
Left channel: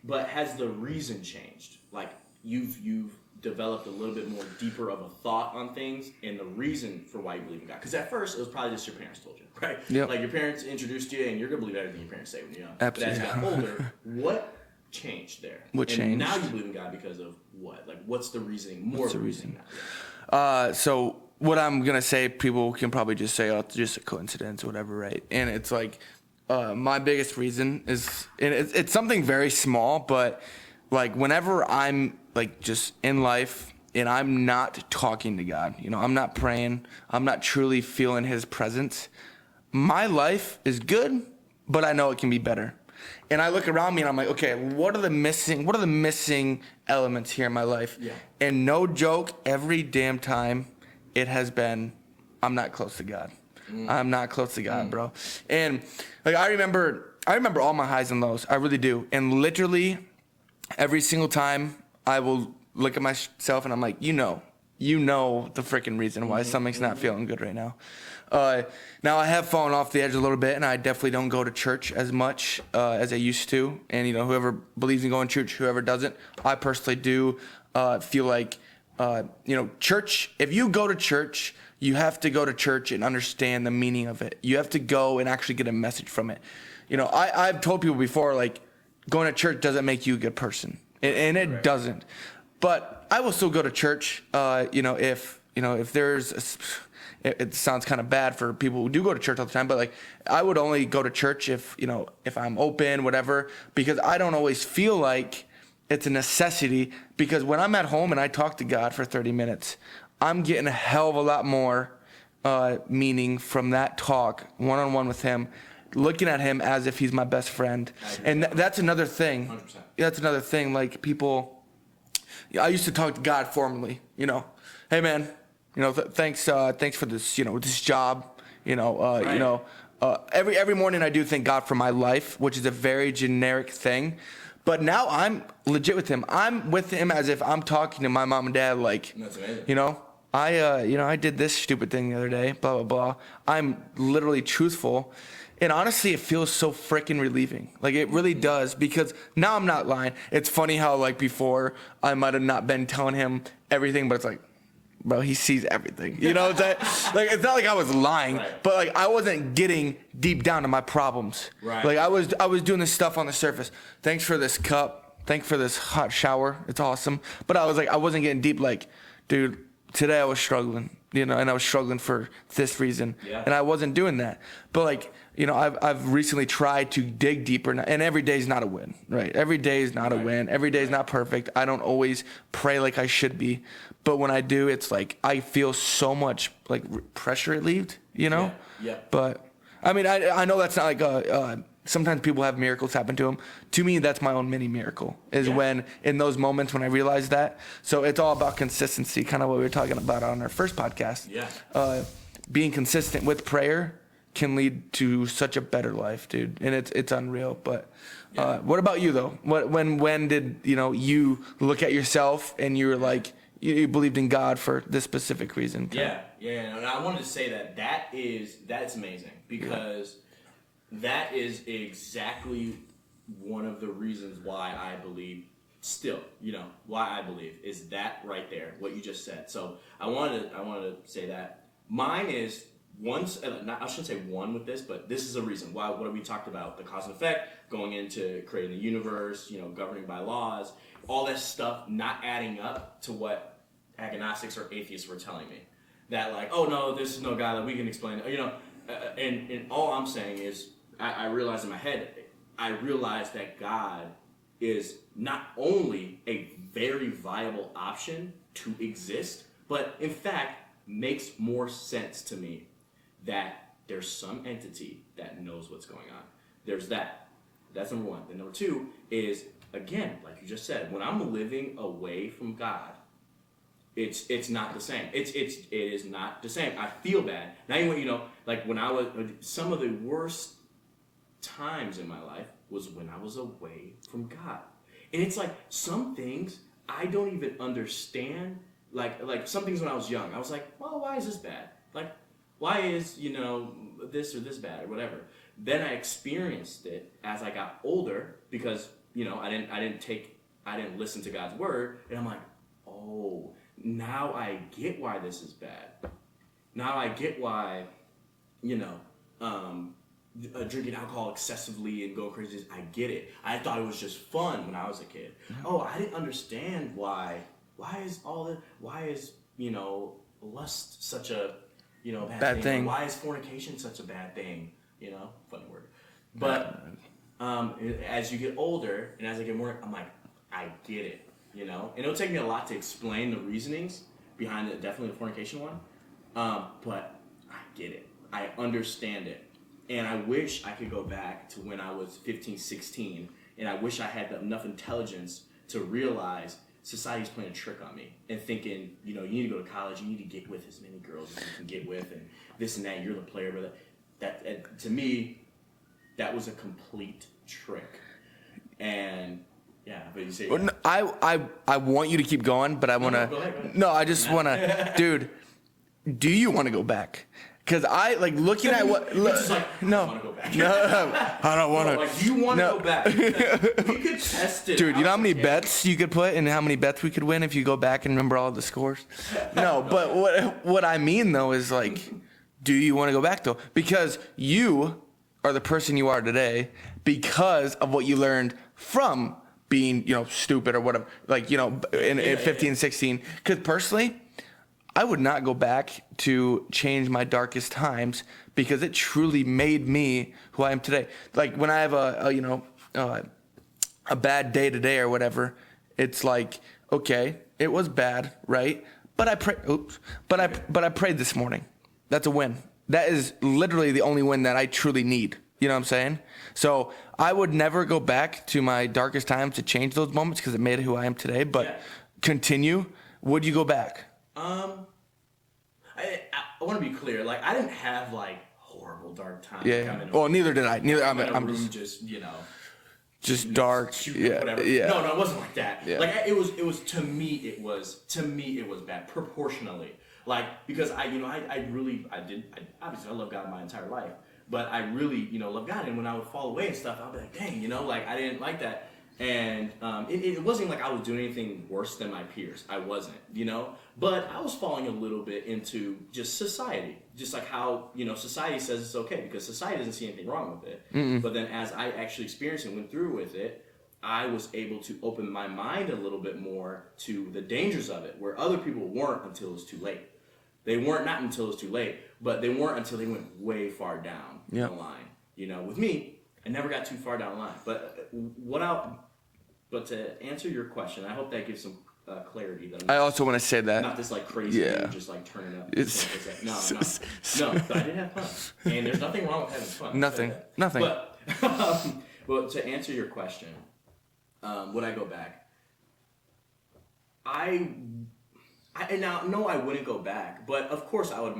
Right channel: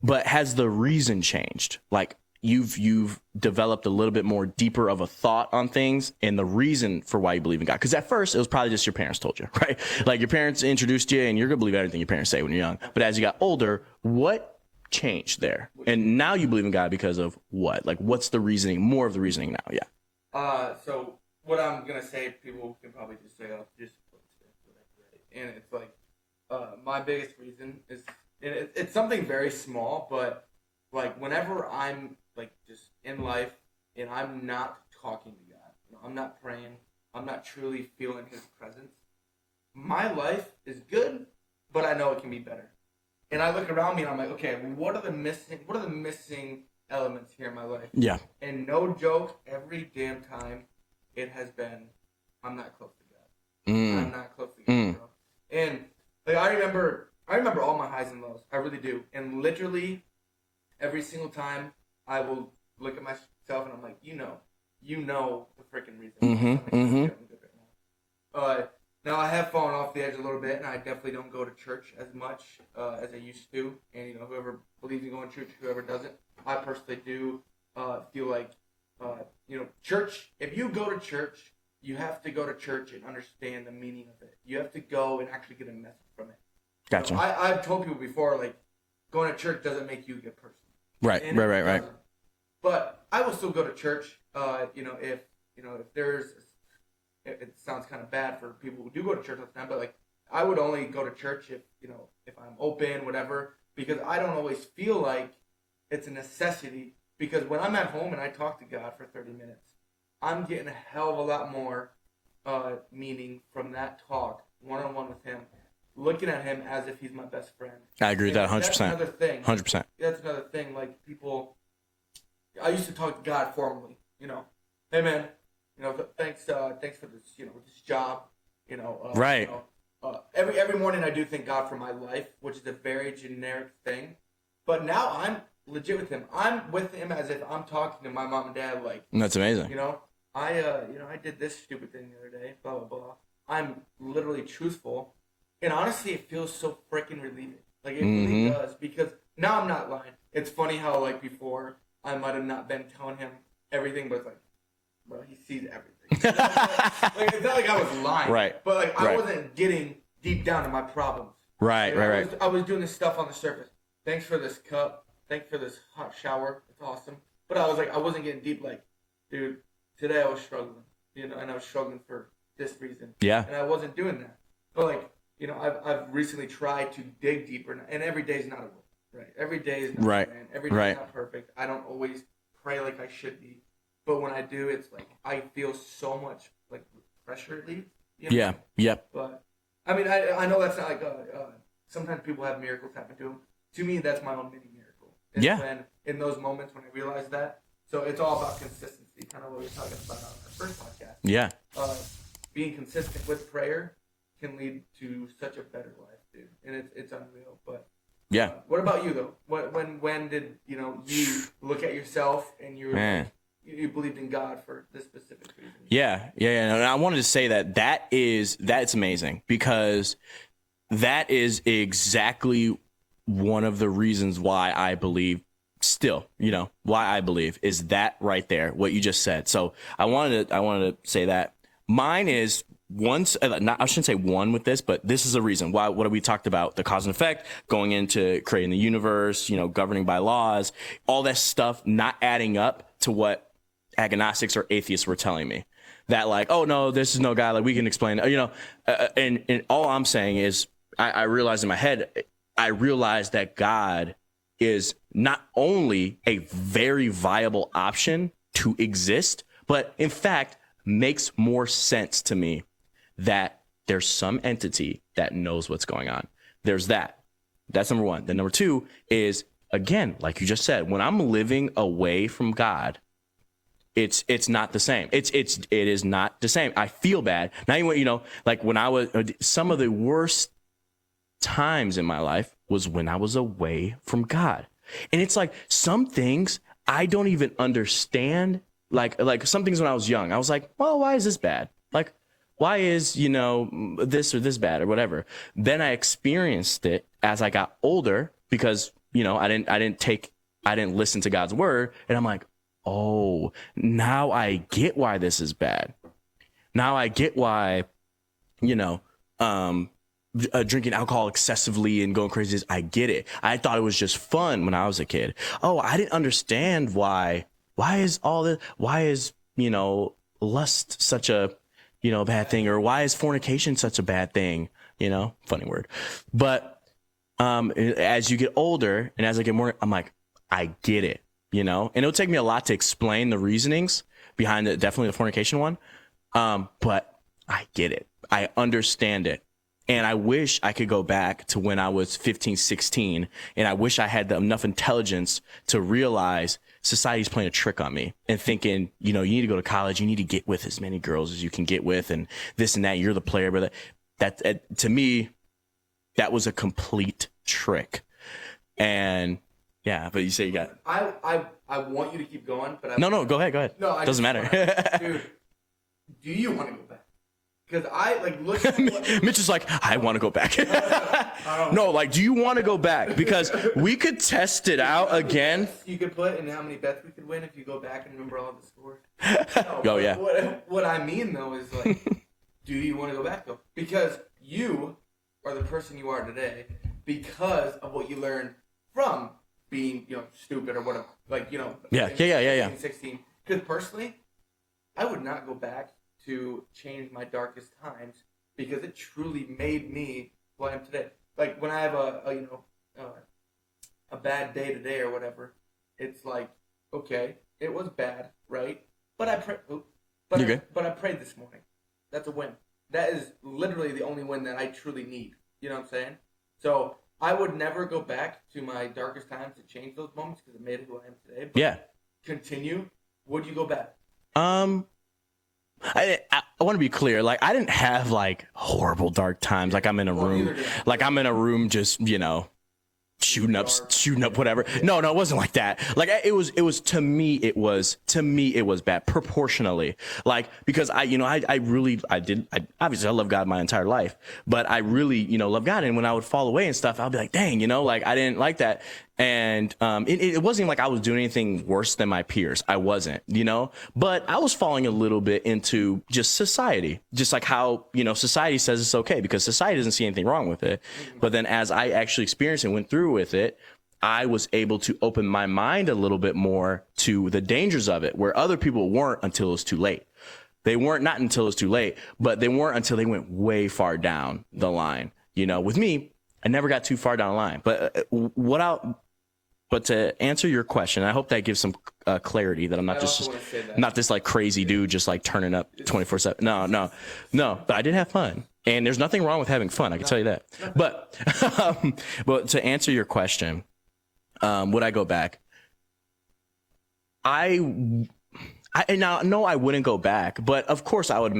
But has the reason changed? Like you've developed a little bit more deeper of a thought on things and the reason for why you believe in God. Because at first it was probably just your parents told you, right? Yep. Like your parents introduced you and you're gonna believe everything your parents say when you're young. Absolutely. But as you got older, what changed there? Now you believe in God because of what? Like what's the reasoning? More of the reasoning now, yeah. So what I'm gonna say, people can probably just say, "Oh, it's just a coincidence," or whatever, right? And it's like. My biggest reason is, and it's something very small, but like whenever I'm like just in life and I'm not talking to God, I'm not praying, I'm not truly feeling His presence, my life is good, but I know it can be better. And I look around me and I'm like, okay, what are the missing elements here in my life? Yeah. And no joke, every damn time it has been, I'm not close to God. I'm not close to God, bro. And like I remember all my highs and lows. I really do. And literally every single time I will look at myself and I'm like, you know the freaking reason why something's not feeling good right now. Now I have fallen off the edge a little bit, and I definitely don't go to church as much as I used to. And whoever believes in going to church, whoever doesn't, I personally do feel like church. If you go to church, you have to go to church and understand the meaning of it. You have to go and actually get a message from it. Gotcha. I've told people before, like, going to church doesn't make you a good person, it doesn't. Right. But I will still go to church. If there's it sounds kind of bad for people who do go to church all the time, but like I would only go to church if I'm open, whatever, because I don't always feel like it's a necessity, because when I'm at home and I talk to God for 30 minutes, I'm getting a hell of a lot more meaning from that talk one-on-one with him, looking at him as if he's my best friend. I agree with that 100%. That's another thing. 100%. That's another thing. Like people, I used to talk to God formally, hey man, thanks for this, this job, right. Every morning I do thank God for my life, which is a very generic thing. But now I'm legit with him. I'm with him as if I'm talking to my mom and dad. Like, that's amazing. I did this stupid thing the other day, blah, blah, blah. I'm literally truthful. And honestly, it feels so freaking relieving. Like, it really does, because now I'm not lying. It's funny how, like, before I might have not been telling him everything, but it's like, bro, he sees everything. Like, it's not like I was lying, right. But like I wasn't getting deep down to my problems. Right. Like right. I was doing this stuff on the surface. Thanks for this cup. Thanks for this hot shower. It's awesome. But I wasn't getting deep. Like, dude, today I was struggling, and I was struggling for this reason. Yeah. And I wasn't doing that. But like, I've recently tried to dig deeper, and every day is not a win, right? Every day is not a win. Every day is not perfect. I don't always pray like I should be. But when I do, it's like I feel so much like pressure relieved, Yeah. But I mean, I know that's not like sometimes people have miracles happen to them. To me, that's my own mini miracle. When in those moments when I realize that. So it's all about consistency, kind of what we were talking about on our first podcast. Yeah. Being consistent with prayer can lead to such a better life, dude, and it's unreal. But what about you though? When did you look at yourself and you were like, you believed in God for this specific reason? Yeah. And I wanted to say that's amazing, because that is exactly one of the reasons why I believe still, why I believe is that right there, what you just said. So I wanted to say that mine is I shouldn't say one with this, but this is a reason why. What we talked about, the cause and effect, going into creating the universe, governing by laws, all that stuff, not adding up to what agnostics or atheists were telling me, that like, oh no, this is no God, like we can explain, and all I'm saying is I realized in my head, I realized that God is not only a very viable option to exist, but in fact makes more sense to me that there's some entity that knows what's going on. There's that. That's number one. Then number two is, again, like you just said, when I'm living away from God, it's not the same. It is not the same. I feel bad. Now, like when I was, some of the worst times in my life was when I was away from God. And it's like some things I don't even understand. Like some things when I was young, I was like, well, why is this bad? Like, why is, this or this bad or whatever? Then I experienced it as I got older, because, I didn't listen to God's word. And I'm like, oh, now I get why this is bad. Now I get why, drinking alcohol excessively and going crazy. I get it. I thought it was just fun when I was a kid. Oh, I didn't understand why is all this, why is, lust such a, bad thing, or why is fornication such a bad thing? Funny word. But as you get older and as I get more, I'm like, I get it, and it'll take me a lot to explain the reasonings behind definitely the fornication one. But I get it. I understand it. And I wish I could go back to when I was 15, 16, and I wish I had enough intelligence to realize society's playing a trick on me and thinking, you need to go to college, you need to get with as many girls as you can get with, and this and that, you're the player. But that to me, that was a complete trick. And yeah, but you say, yeah. I want you to keep going, but I want to. No, go ahead. No, I just want to, dude, do you want to go back? Because I looking at what Mitch is like, I want to go back. I don't want do you want to go back? Because we could test it Dude, out. You know how many again. bets you could put and how many bets we could win if you go back and remember all the scores? No, Oh, but yeah. what I mean though is do you want to go back though? Because you are the person you are today because of what you learned from being, stupid or whatever. In 15, 16. Because personally, I would not go back to change my darkest times because it truly made me who I am today. Like when I have a bad day today or whatever, it's like, okay, it was bad, right? But I prayed. But I prayed this morning. That's a win. That is literally the only win that I truly need. You know what I'm saying? So I would never go back to my darkest times to change those moments because it made who I am today. But continue. Would you go back? I want to be clear. I didn't have horrible dark times. Yeah. I'm in a room. Neither did I. I'm in a room just shooting up whatever. Yeah. No, it wasn't like that. Yeah. It was to me it was bad proportionally. Because I obviously I love God my entire life, but I really, love God, and when I would fall away and stuff, I'll be like, dang, I didn't like that. And it wasn't like I was doing anything worse than my peers. I wasn't, but I was falling a little bit into just society, just like how, society says it's okay because society doesn't see anything wrong with it. Mm-mm. But then as I actually experienced and went through with it, I was able to open my mind a little bit more to the dangers of it, where other people weren't until it was too late. They weren't not until it was too late, but they weren't until they went way far down the line. With me, I never got too far down the line. But to answer your question, I hope that gives some clarity that I'm not. I also want to say that not this crazy dude just turning up 24/7. No. But I did have fun, and there's nothing wrong with having fun. I can tell you that. Nothing. But to answer your question, would I go back? No, I wouldn't go back, but of course I would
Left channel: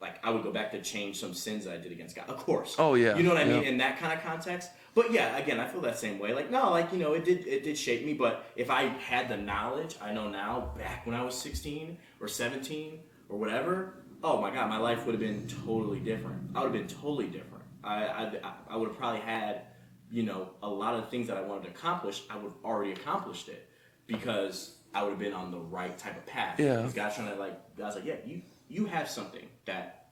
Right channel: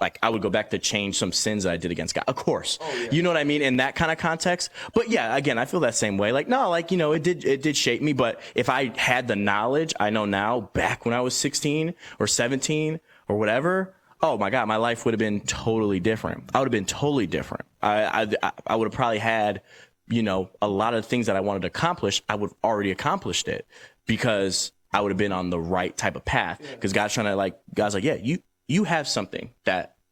I would go back to change some sins that I did against God. Of course. Oh yeah. You know what I mean? In that kind of context. But yeah, again, I feel that same way. It did shape me, but if I had the knowledge I know now back when I was 16 or 17 or whatever, oh my God, my life would have been totally different. I would have been totally different. I would have probably had, a lot of things that I wanted to accomplish. I would have already accomplished it because I would have been on the right type of path. Because God's like, yeah, you have something that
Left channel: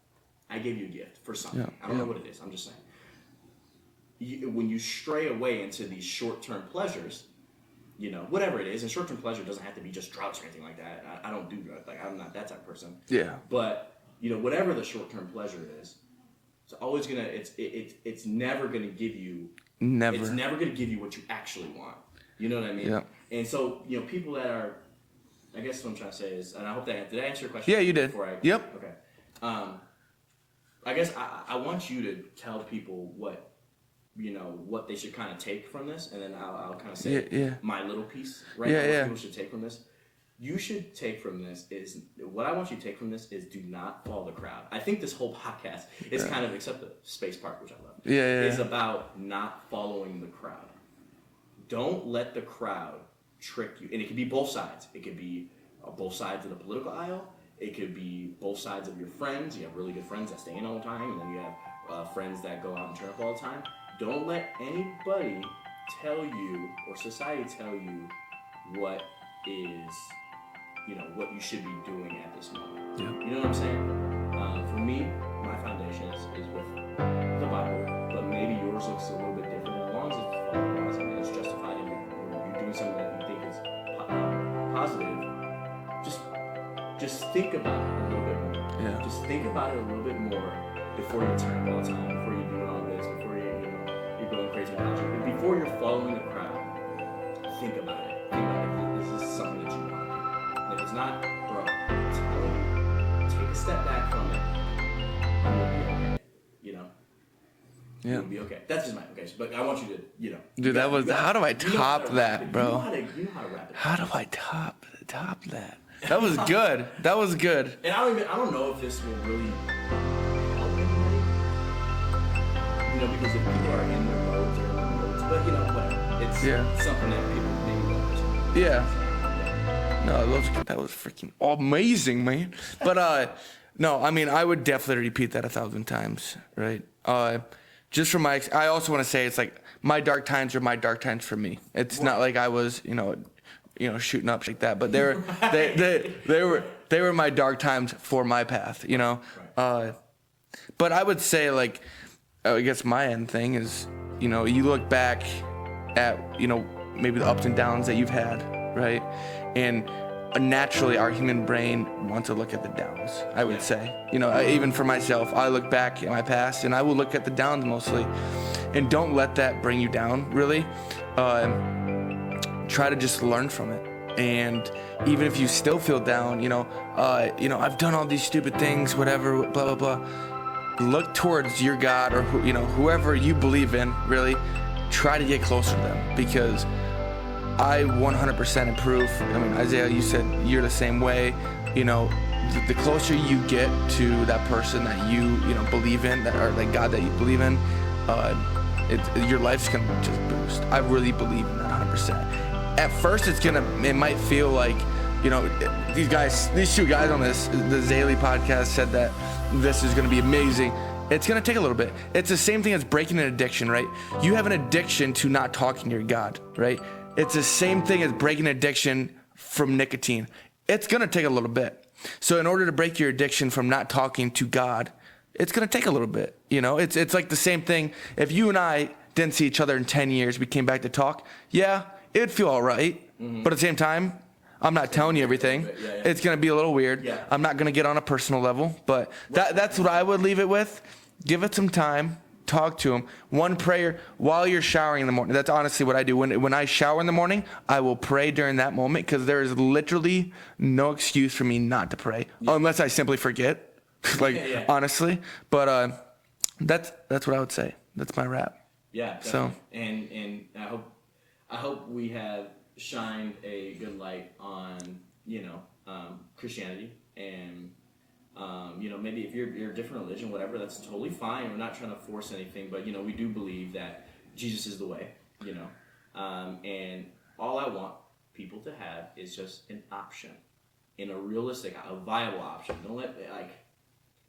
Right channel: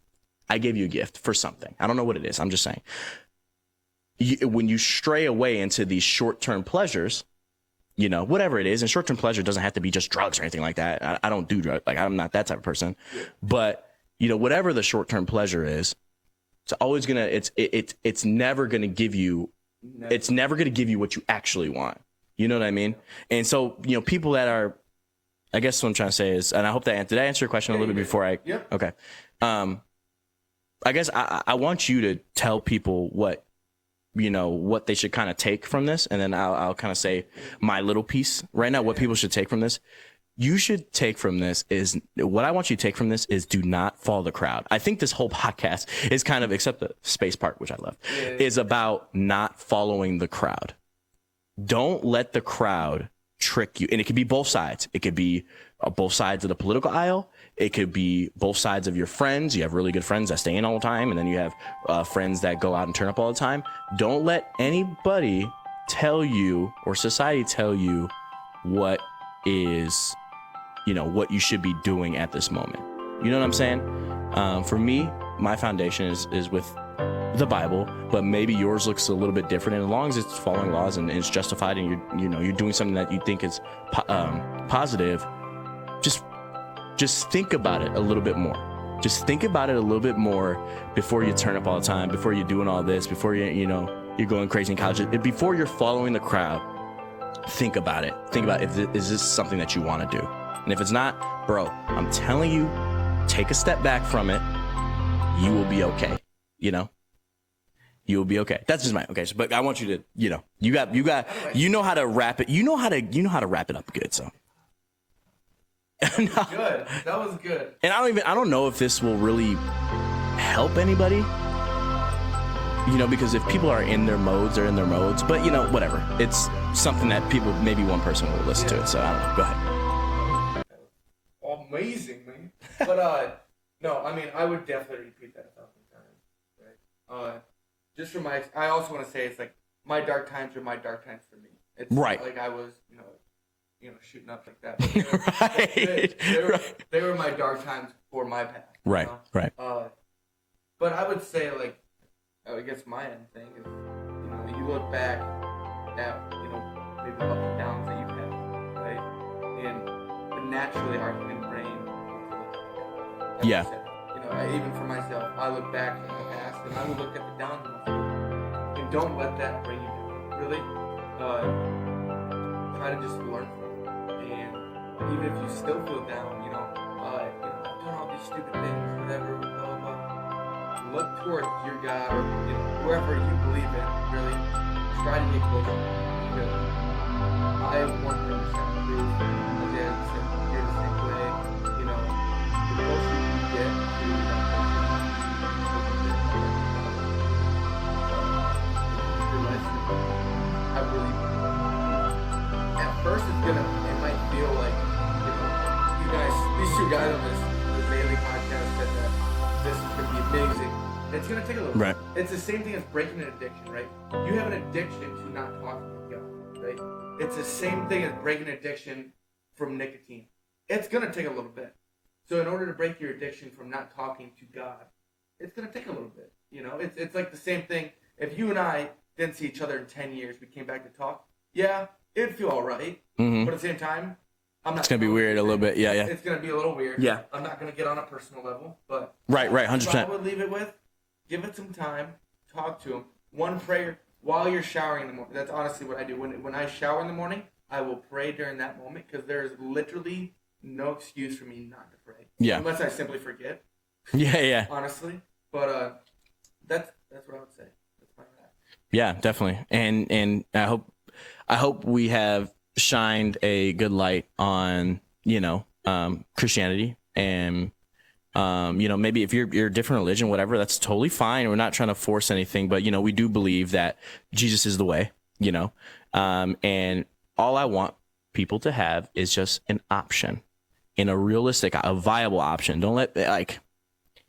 I gave you a gift for something. Yeah. I don't know what it is. I'm just saying. When you stray away into these short-term pleasures, whatever it is, and short-term pleasure doesn't have to be just drugs or anything like that. I don't do drugs. I'm not that type of person. Yeah. But, whatever the short-term pleasure is, it's always gonna, it's never gonna give you, it's never gonna give you what you actually want. You know what I mean? Yeah. And so, people that are, I guess what I'm trying to say is, and I hope did I answer your question a little bit before I? Yep. Okay. I guess I want you to tell people what they should kind of take from this, and then I'll kind of say my little piece now, what people should take from this. You should take from this is, what I want you to take from this is, do not follow the crowd. I think this whole podcast is kind of, except the space part, which I love, is about not following the crowd. Don't let the crowd trick you. And it could be both sides. It could be both sides of the political aisle. It could be both sides of your friends. You have really good friends that stay in all the time, and then you have friends that go out and turn up all the time. Don't let anybody tell you, or society tell you, what is, what you should be doing at this moment. You know what I'm saying? For me, my foundation is with the Bible, but maybe yours looks a little bit different. And as long as it's following laws and it's justified, and you're doing something that you think is positive, just think about it a little bit more. Yeah. Just think about it a little bit more before you turn up all the time, before you're doing all this, before you're going crazy in college, before you're following the crowd. Think about it. Think about is this something that you want to do? And if it's not, bro, I'm telling you, take a step back from it. You will be okay. You will be okay. That's just my okay. So, but I want you to, you know, you Dude, got, how do I you know how to top wrap that, it. You bro? know how to wrap it up. How good, do I so. top that? That was good. That was good. And I don't know if this will really help anybody. You know, because if people are in their modes, they're in their modes. But you know, whatever. It's something that people, maybe one person will listen to. So I don't know. Go ahead. No, that was freaking amazing, man. But no, I mean, I would definitely repeat that 1,000 times, right? Just from I also want to say it's like my dark times are my dark times for me. It's not like I was, you know, shooting up like that, but they were my dark times for my path, you know. Right. But I would say, like, I guess my end thing is, you know, you look back at, you know, maybe the ups and downs that you've had, right? And naturally, our human brain wants to look at the downs, I would say. You know, even for myself, I look back at my past, and I will look at the downs mostly. And don't let that bring you down, really. Try to just learn from it. And even if you still feel down, you know, I've done all these stupid things, whatever, blah, blah, blah. Look towards your God or, you know, whoever you believe in, really. Try to get closer to them, because I 100% approve. I mean, Isaiah, you said you're the same way. You know, the closer you get to that person that you know, believe in, or like God that you believe in, your life's gonna just boost. I really believe in that 100%. At first, it might feel like, you know, these two guys on the Zaily podcast said that this is gonna be amazing. It's gonna take a little bit. Right. It's the same thing as breaking an addiction, right? You have an addiction to not talking to your God, right? It's the same thing as breaking an addiction from nicotine. It's gonna take a little bit. So in order to break your addiction from not talking to God, it's gonna take a little bit. You know, it's like the same thing. If you and I didn't see each other in 10 years, we came back to talk, yeah, it'd feel all right. But at the same time, I'm not telling you everything. Yeah. It's gonna be a little weird. Yeah. I'm not gonna get on a personal level, but Right, that's what I 100%. would leave it with. Give it some time. Talk to him. One prayer while you're showering in the morning. That's honestly what I do. When I shower in the morning, I will pray during that moment, because there is literally no excuse for me not to pray, unless I simply forget. Honestly, but that's what I would say. That's my wrap. Yeah, definitely. So. And I hope we have shined a good light on, you know, Christianity, and you know, maybe if you're a different religion, whatever, that's totally fine. We're not trying to force anything, but you know, we do believe that Jesus is the way, you know, and all I want people to have is just an option, in a realistic, a viable option. Don't let like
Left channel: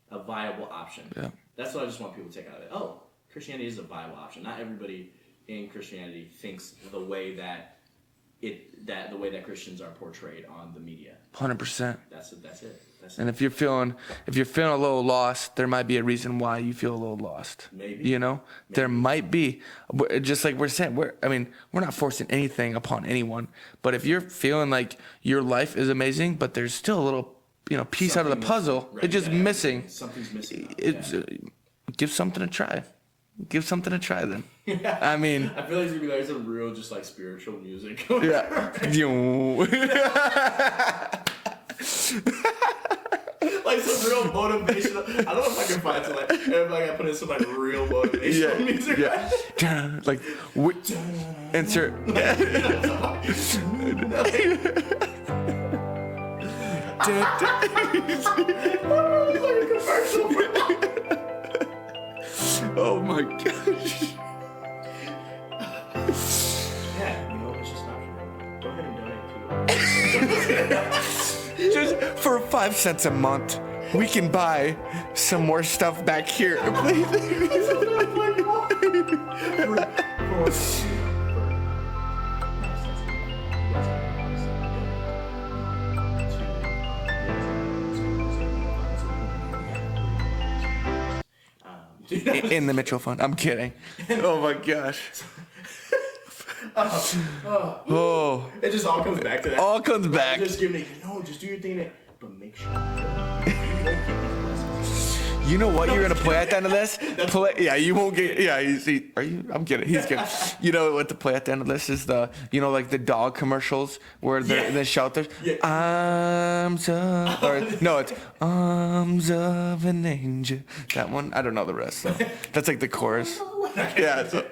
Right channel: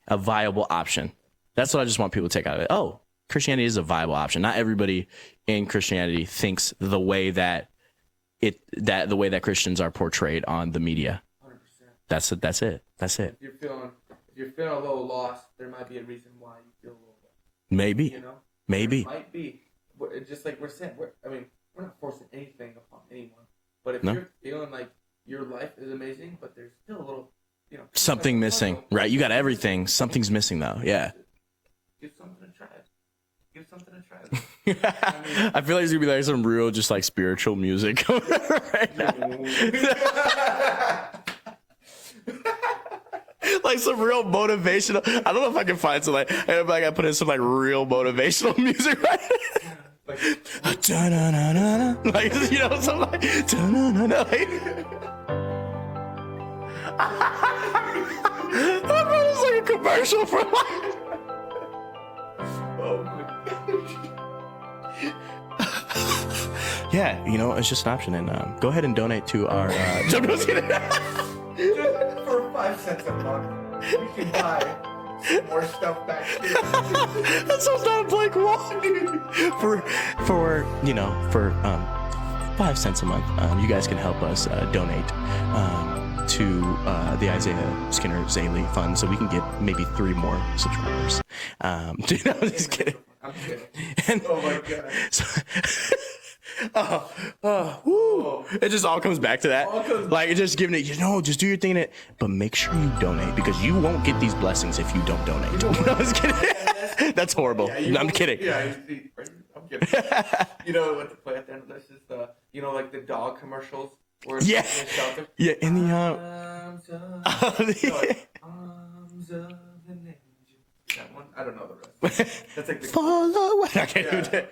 a viable option. Yeah. That's what I just want people to take out of it. Oh, Christianity is a viable option. Not everybody in Christianity thinks the way that Christians are portrayed on the media. 100%. That's it. And if you're feeling a little lost, there might be a reason why you feel a little lost. Maybe. You know? Maybe. There might be. Just like we're saying, we're not forcing anything upon anyone. But if you're feeling like your life is amazing, but there's still a little, you know, piece something out of the missing. puzzle. Right. You got everything. Missing. Something's missing though. Yeah. Give something a try. Give something a try then. I mean, I feel like it's gonna be like some real, just like spiritual music. Like some real motivational. I don't know if I can find some like. Everybody got to put in some like real motivational music. Right? Like insert, like, you know, something like. It's like a commercial for. Oh my gosh. Yeah, you know, it's just an option. And go ahead and donate to our. Just for 5 cents a month, we can buy some more stuff back here. That's not like why. For 5 cents a month, you guys can help us donate to the Isaiah Skinner Zaily Fund, so we can get maybe 3 more subscribers. In the Mitchell Fund. I'm kidding. And, oh my gosh. It just all comes back to that. All comes like, back. just giving it, just do your thing, but make sure you donate because you won't get these blessings if you don't donate. You know what you're gonna play at the end of this? That's horrible. Yeah, you No, won't I'm kidding. Are you? I'm kidding. He's kidding. You know what to play at the end of this is like the dog commercials where the shelters. Yeah. Arms of, no, it's arms of an angel. That one, I don't know the rest. That's like the chorus. Yeah.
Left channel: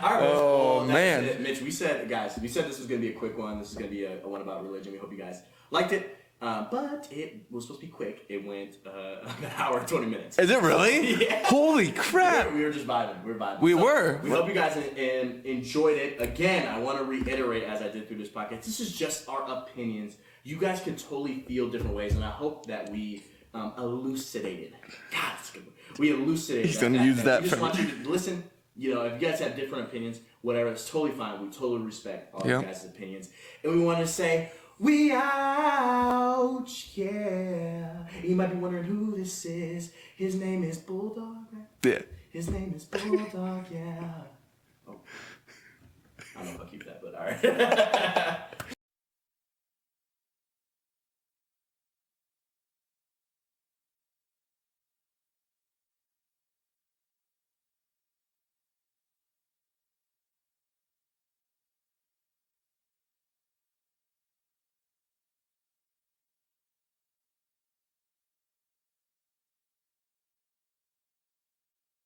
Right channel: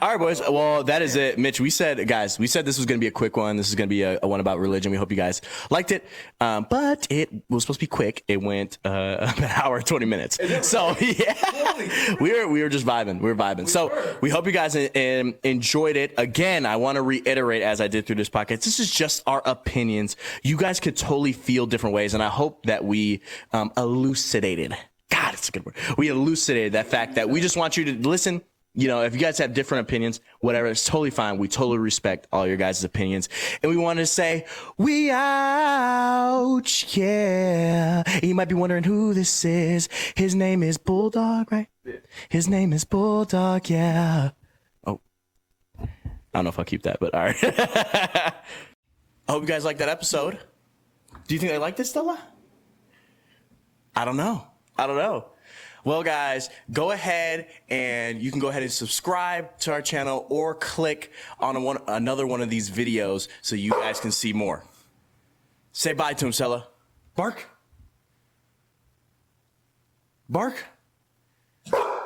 All right, boys. Well, that is man. it. Mitch, we said this was going to be a quick one. This is going to be a one about religion. We hope you guys liked it. But it was supposed to be quick. It went an hour and 20 minutes. Is it really? So, yeah. Holy crap. We were just vibing. We were vibing. We were. We hope you guys enjoyed it. Again, I want to reiterate, as I did through this podcast, this is just our opinions. You guys could totally feel different ways, and I hope that we elucidated. God, it's a good word. We elucidated that fact that we just want you to listen. If you guys have different opinions, whatever, it's totally fine. We totally respect all your guys' opinions. And we want to say, we ouch, yeah. And you might be wondering who this is. His name is Bulldog, right? Yeah. His name is Bulldog, yeah. Oh, I don't know if I'll keep that, but all right. I hope you guys liked that episode. Do you think they liked it, Stella? I don't know. Well, guys, go ahead and you can go ahead and subscribe to our channel or click on another one of these videos so you guys can see more. Say bye to him, Stella. Bark. Bark.